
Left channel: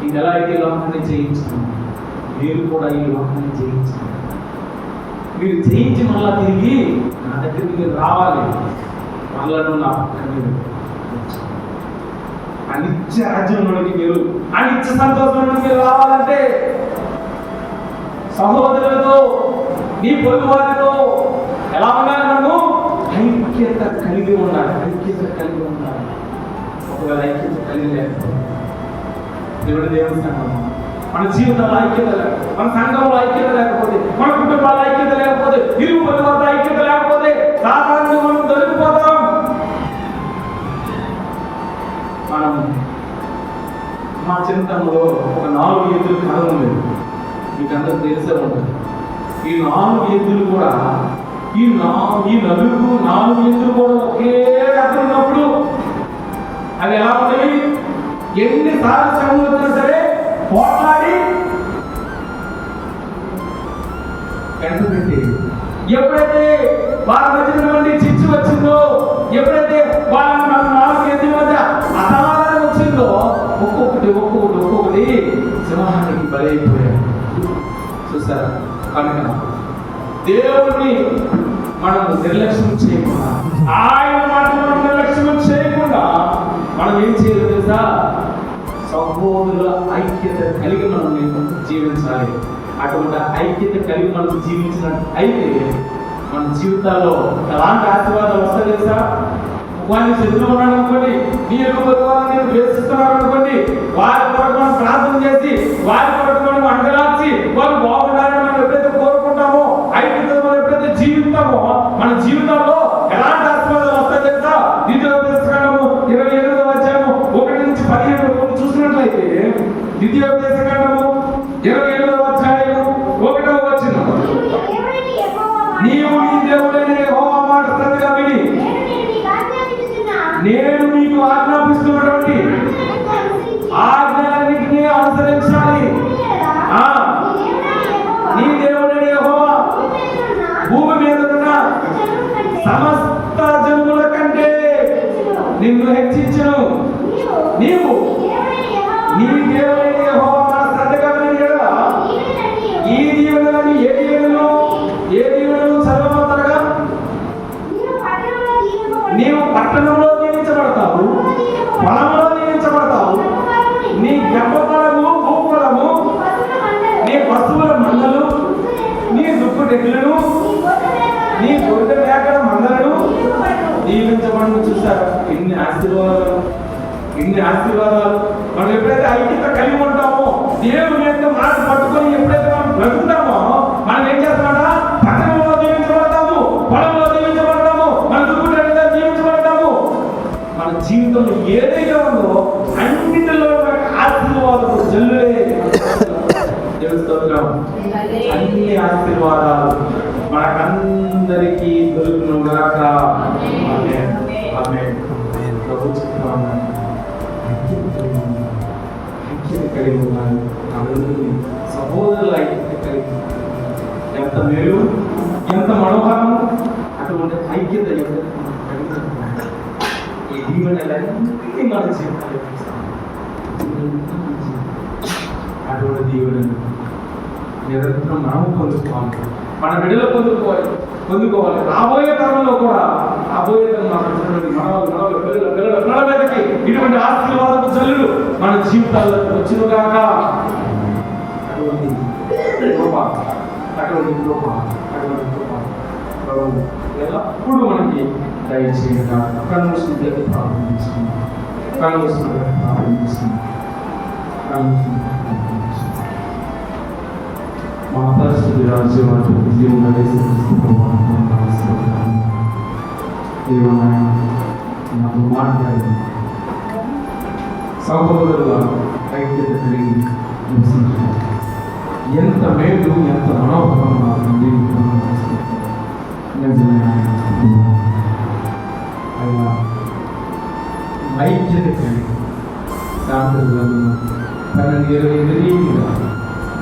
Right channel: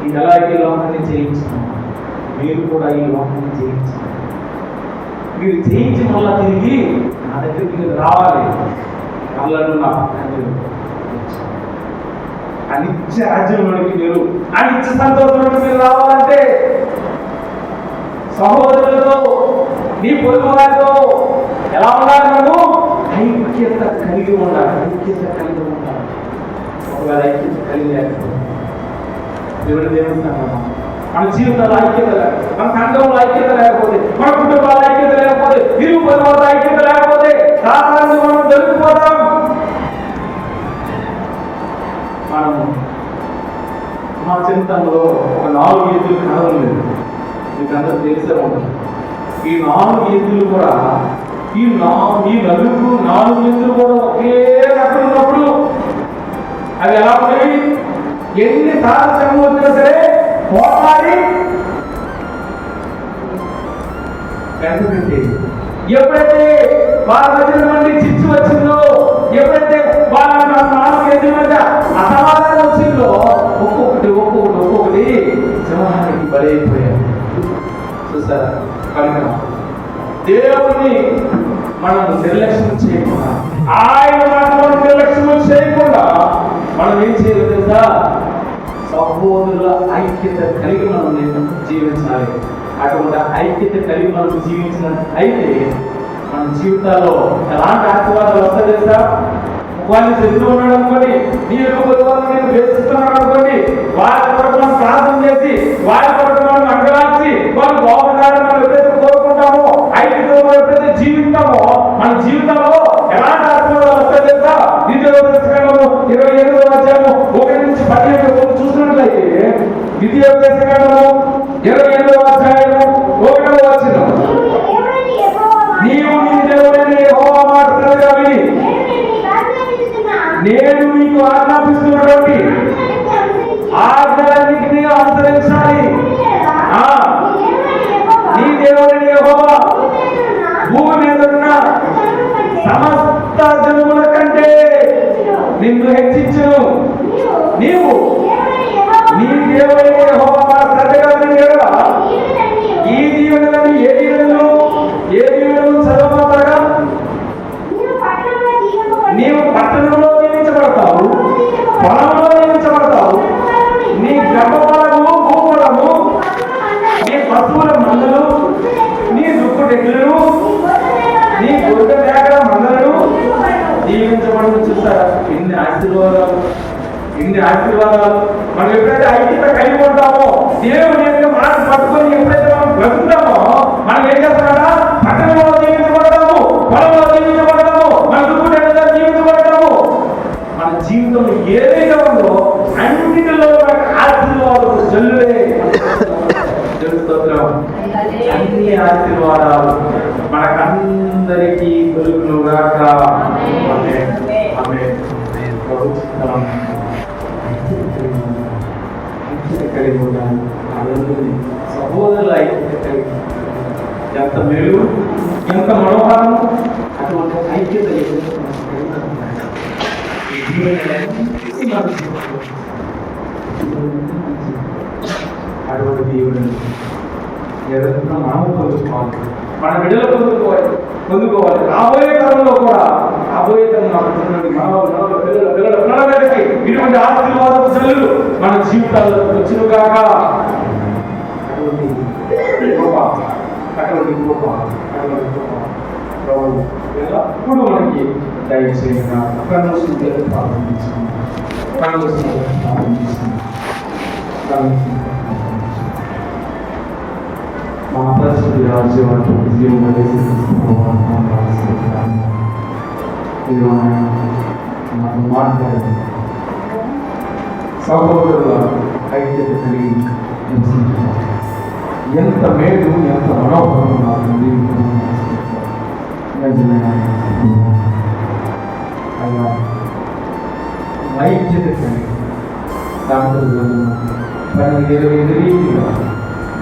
నేను ఎలా ఈ లోకాన్ని జయించాను, మీరు కూడా ఈ లోకాన్ని జయించారు. మీరు జయించి మళ్ళా తిరిగి నా దగ్గరికి మీరు రావాలి. వాళ్ళను నా పక్కన అనిత్య రాజ్యంలోనికి మీరు అనిత్య సంతోషంలోకి మీరు రావాలంటే సహోదరులతో నీ పొరుగు వారితో ఎలా ఉండాలి? నువ్వు ఐక్యత కలిగి ఉండాలి. ఒకవేళ ఐక్యత కలిగి లేకపోతే దేవుని సంఘం మన జీవితంలో ఐక్యత లేకపోతే, మన సంఘంలో ఐక్యత లేకపోతే, మన కుటుంబాల ఐక్యత లేకపోతే, ఇరుగు పొరుగు ఐక్యత లేకపోతే సాధారణంగా మనం దొరికిపోతాం. మనం మా చింతనలో ఒక 4 ఎద్దులు కథ ఉంది, మీకు అందరూ తెలిసే ఉంటుంది. ఈ 4 ఎద్దులు కూడా ఈ 4 ఎద్దులు కూడా ఒకే రకం ఉన్నప్పుడు అవి ఎలా ఉన్నాయి? ఎన్నిసార్లు శ్రమ వచ్చినా సరే పోట్లాడి ఎప్పుడైతే వాళ్ళ మధ్య నుండి చిచ్చు వచ్చిందో, ఎప్పుడైతే వాళ్ళ 4 ఎద్దుల మధ్య అసమాధానం వచ్చిందో ఒక్కొక్కటి సింహానికి బలైపోయారు. చూసారా? కనుక దేవుణ్ణి మనం నిర్లక్ష్యం చేయకుండా, ఆయన మనం నిర్లక్ష్యం చేయకుండా మనం ఏం చేయాలి తెలుసా? సహోదరుల ఐక్యత కలిగి మనం జీవించాలి. అటువంటి ఐక్యత కలిగి మనం జీవించినట్టు అయితే మన జీవితాల్లో ఎలాంటి ఆశీర్వాదాలు వస్తాయి తెలుసా? వాళ్ళు శత్రువు ఉన్నాడు అనుకోండి, నీ యొక్క నేను ద్వేషిస్తున్నాడు అనుకోండి, వారి కొరకు మనం ప్రార్థన చేసి, వారి కొరకు మనం అండలాచి వాళ్ళు బాగుండాలని మనం ఎప్పుడైతే కోరుకుంటామో, ఐక్యతలో ఎప్పుడైతే జీవిస్తామో మన జీవితంలో ఎలాంటి ఆశీర్వాదాలు వస్తాయి తెలుసా? 27వ అధ్యాయము 1 నుంచి 17 చూసినట్లయితే, 27వ అధ్యాయము 1వ వచనం, నీవు నీ దేవుడైన యెహోవా మాట శ్రద్ధగా విని నేను మీకు ఆజ్ఞాపిస్తున్నటువంటి ఆజ్ఞలన్నిటినీ అనుసరించాలి. నీ దేవుడైన యెహోవా భూమి మీద ఉన్న సమస్త జనుల కంటే నిన్ను హెచ్చించును. నీవు నీ దేవుడైన యెహోవా మాట శ్రద్ధగా వినగా ఈ దీవెనలను ఏ దీవెనలు చదవబోతాగా నీవు పట్టణంలో దీవించబడతావు, పొలంలో దీవించబడతావు. నీ గర్భఫలము భూఫలము, నీ పశువుల మందలు, నీ దుక్కుడెడ్లు, నీ గొర్రె మేకల మందలు దీవించబడి. చూస్తారా? ఎన్ని ఆశీర్వాదాలు. మనం ఎప్పుడైతే ఐక్యత కలిగి ఉంటామో, దేవుని యొక్క మాట పట్టుకొని ఎప్పుడైతే మనం బ్రతుకుతామో, మనం ఏం చేస్తామా? పట్టణంలో జీవించబడతాము, పొలంలో జీవించబడతాము, మన దుక్కుడెడ్లలో జీవించబడతాము. మన జీవితం ఏదైతే ఉందో అన్నిటిలో ఆశీర్వాదం జల్లు ఆశీర్వాదాలు మనకందరికీ దొరుకునుగాక. ఆమేన్. ఆమేన్. ప్రభు చిత్తం కలిగి ఉన్నాను. ఆనందం సహోదరుల ఐక్యత కలిగి ఎంత మేలు, ఎంత మనోహరం. అటువంటి ఐక్యత అటువంటి దేవుడు నిరంతరం మనము పొందుకోవాలి, మన బిడ్డలు పొందుకోవాలి. రాబోయే కాలంలో కూడా, రాబోయే పిల్లలకి ఇటువంటి ఆశీర్వాదపు జల్లులు మన జీవితాల్లో వచ్చినగాక. అటువంటి కృప ఎల్లప్పుడూ మనకి దయచేయగా. కన్నుసింది ప్రారంభించింది, మా పరిస్థితి రాజ్యవాళ్ళు నాకు మాట్లాడి సహోదరుల ఐక్యత కలిగి నివసించారు. ఎంత మేలు, ఎంత మనోహరం నాకు అలా ఐక్యత కలిగి దాంట్లో 12-20 రీతిగా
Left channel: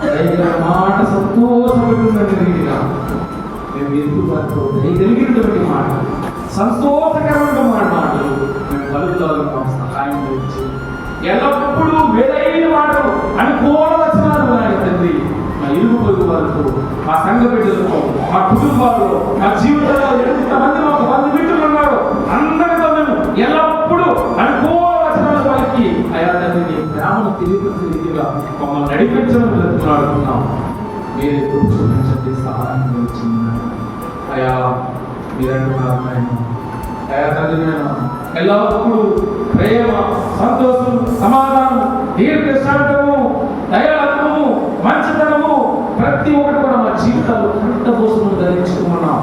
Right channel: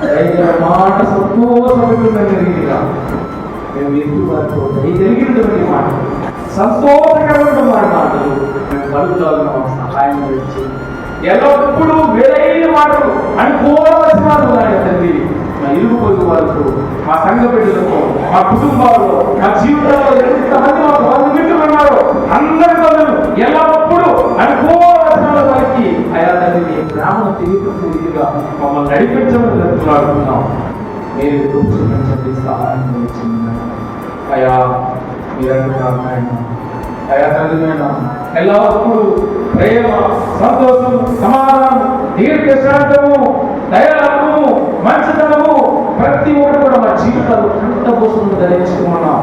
దైవ మాట సంతోషపడుతున్న రీతిగా మేము ఎదుగుబాటుతో జరిగినటువంటి మాట, సంతోషకరమైన మాటలు మేము కలుగుతాము. సహాయం ఇచ్చి ఎల్లప్పుడూ వేరైన మాటలు అనుకోవలసినారు తండ్రి. మా ఇరుగు పొరుగు వారితో, మా సంఘ బిడ్డలతో, మా కుటుంబాల్లో, మా జీవితాల్లో ఎంతమంది మాకు బంధుమిత్రులు ఉన్నారో అందరితో ఎల్లప్పుడూ అనుకోవలసిన వారికి అయా తండ్రి గ్రామం తిరుగుతున్న రీతిగా మమ్మల్ని నడిపించమని బ్రతుకులాడుతున్నాం. మీరు చూపించండి, సహాయం వచ్చింది అయా. మీరంటున్నారు అయా తండ్రి ఎల్లప్పుడూ ప్రేమ, సంతోషం, సమాధానం, దీర్ఘశాంతము, దయాలము, మంచితనము ప్రతి ఒక్కటి కూడా మా జీవితాలు కంటపోసుకుని ధరించుకున్నాం.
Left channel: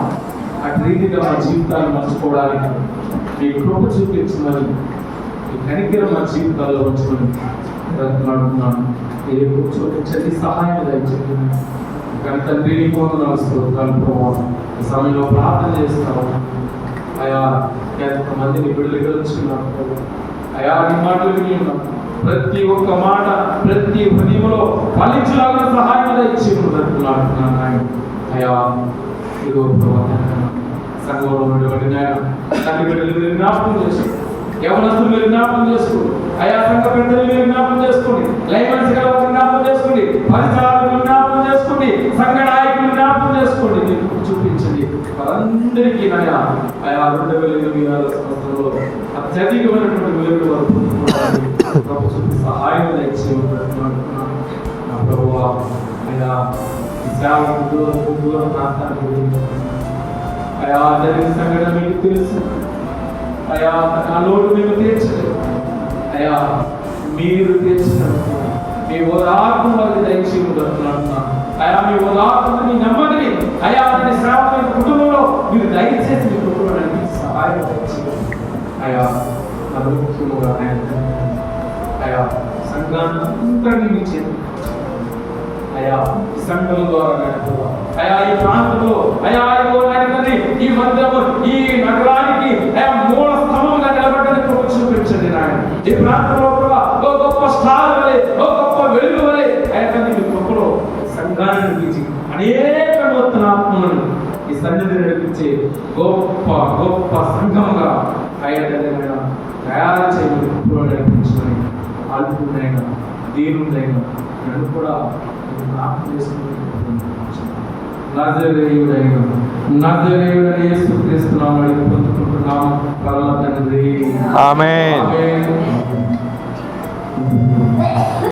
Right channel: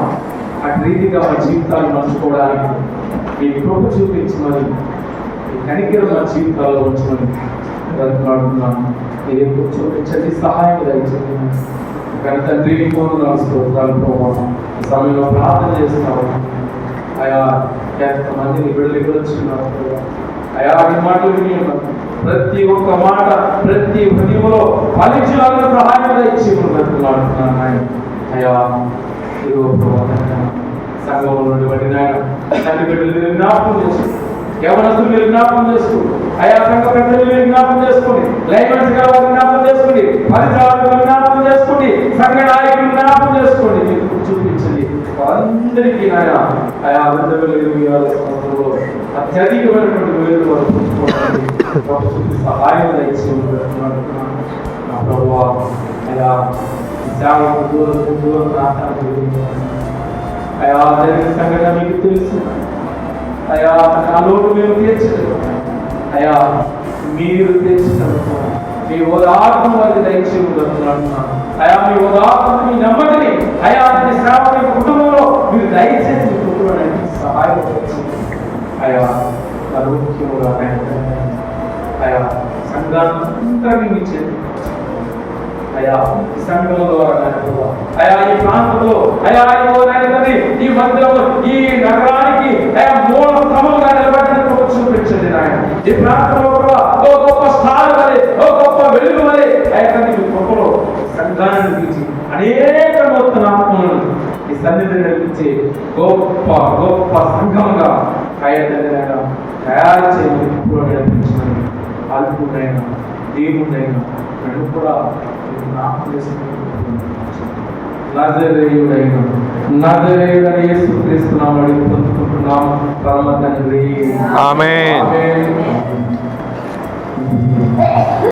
అటు రీతిగా మా జీవితాన్ని మర్చుకోవడానికి మీ కృప చూపించమని, మీ కనికరం మా జీవితాల్లో ఉంచమని బ్రతుకులాడుతున్నాను. మీరు ఎప్పుడు చూపించండి, సహాయం దయచేయండి. కానీ తండ్రి నీ కోసం స్తోత్రాలు ప్రభావం. ఈ సమయంలో ప్రార్థన చేస్తున్నావు అయా. ఎంతమందిని బిడ్డలు వచ్చిన్నారు అయా, నీ మాటలు వినియమని ప్రతి ఒక్క మాట ప్రతి హృదయంలో ఫలించేలాగా సహాయం ఇచ్చి ఉంటున్నాడు ఆయన అయా. ఇదో సంఘంలో నుండి నాయన తల్లి బిడ్డలు మీరు జ్ఞాపకం చేసుకోండి, యవనస్తులు మీరు జ్ఞాపకం చేసుకోండి అయా. సంఘ పెద్దలు మీరు జ్ఞాపకం చేసుకోండి, లైవెన్స్ గారు జ్ఞాపకం చేసుకోండి, పరిసరాలను జ్ఞాపకం చేసుకోండి, సంఘ నాయకులు జ్ఞాపకం చేసుకోండి. మీరు చూపించండి అందరికీ నాయన అయా. 2026 సంవత్సరంలో అత్యధికమైనటువంటి వేలు వారు చూపించుకోవడానికి సహాయం ఇచ్చి ఉంటున్నాను నా ప్రభువా. అయా దూరం ప్రాంతానికి అయా జరిగిన సంఘటన మీకు తెలుసు అయా. నా లోటు మేము తీర్చలేదు అయా, మీరు తీర్చినట్టు మీ ఉదాహరణ వారికి దయచేసి ఉంటున్నాను అయా. మీ ఉదాహరణ, మీ నమ్మకని అయా, మీ సేవ కుటుంబంలో మీరు దయచేసి మీ కుటుంబానికి సహాయం వచ్చి అయా. అనుముఖ్యముగా అయా సంఘాన్ని మీ చేతి అయా, సంఘం ద్వారా అయా, ఈ ప్రాంతంలో అయా ఈ మందిరము ఈ నగరానికి అయా మూల స్తంభంగా నిలబడిన చూపించండి నాయన. ఈ ప్రాంతంలో కూడా ఓ గొప్ప స్టార్ వలె, ఓ గొప్ప వెలుగు వలె అయా గొప్పలో సంఘాన్ని తీసి అనేక నూతన ఆత్మలను ఈ సన్నిధిని నడిపించే గొప్ప గొప్ప సంఘంగా అయ్యా తయారు చేయమని నడిపించమని అల్పుడైనా దీనుడైనా నేను కూడా నజరేయుడైన యేసుక్రీస్తు నామములో పొందుకుంటున్నాము పరమ తండ్రి. ఆమేన్.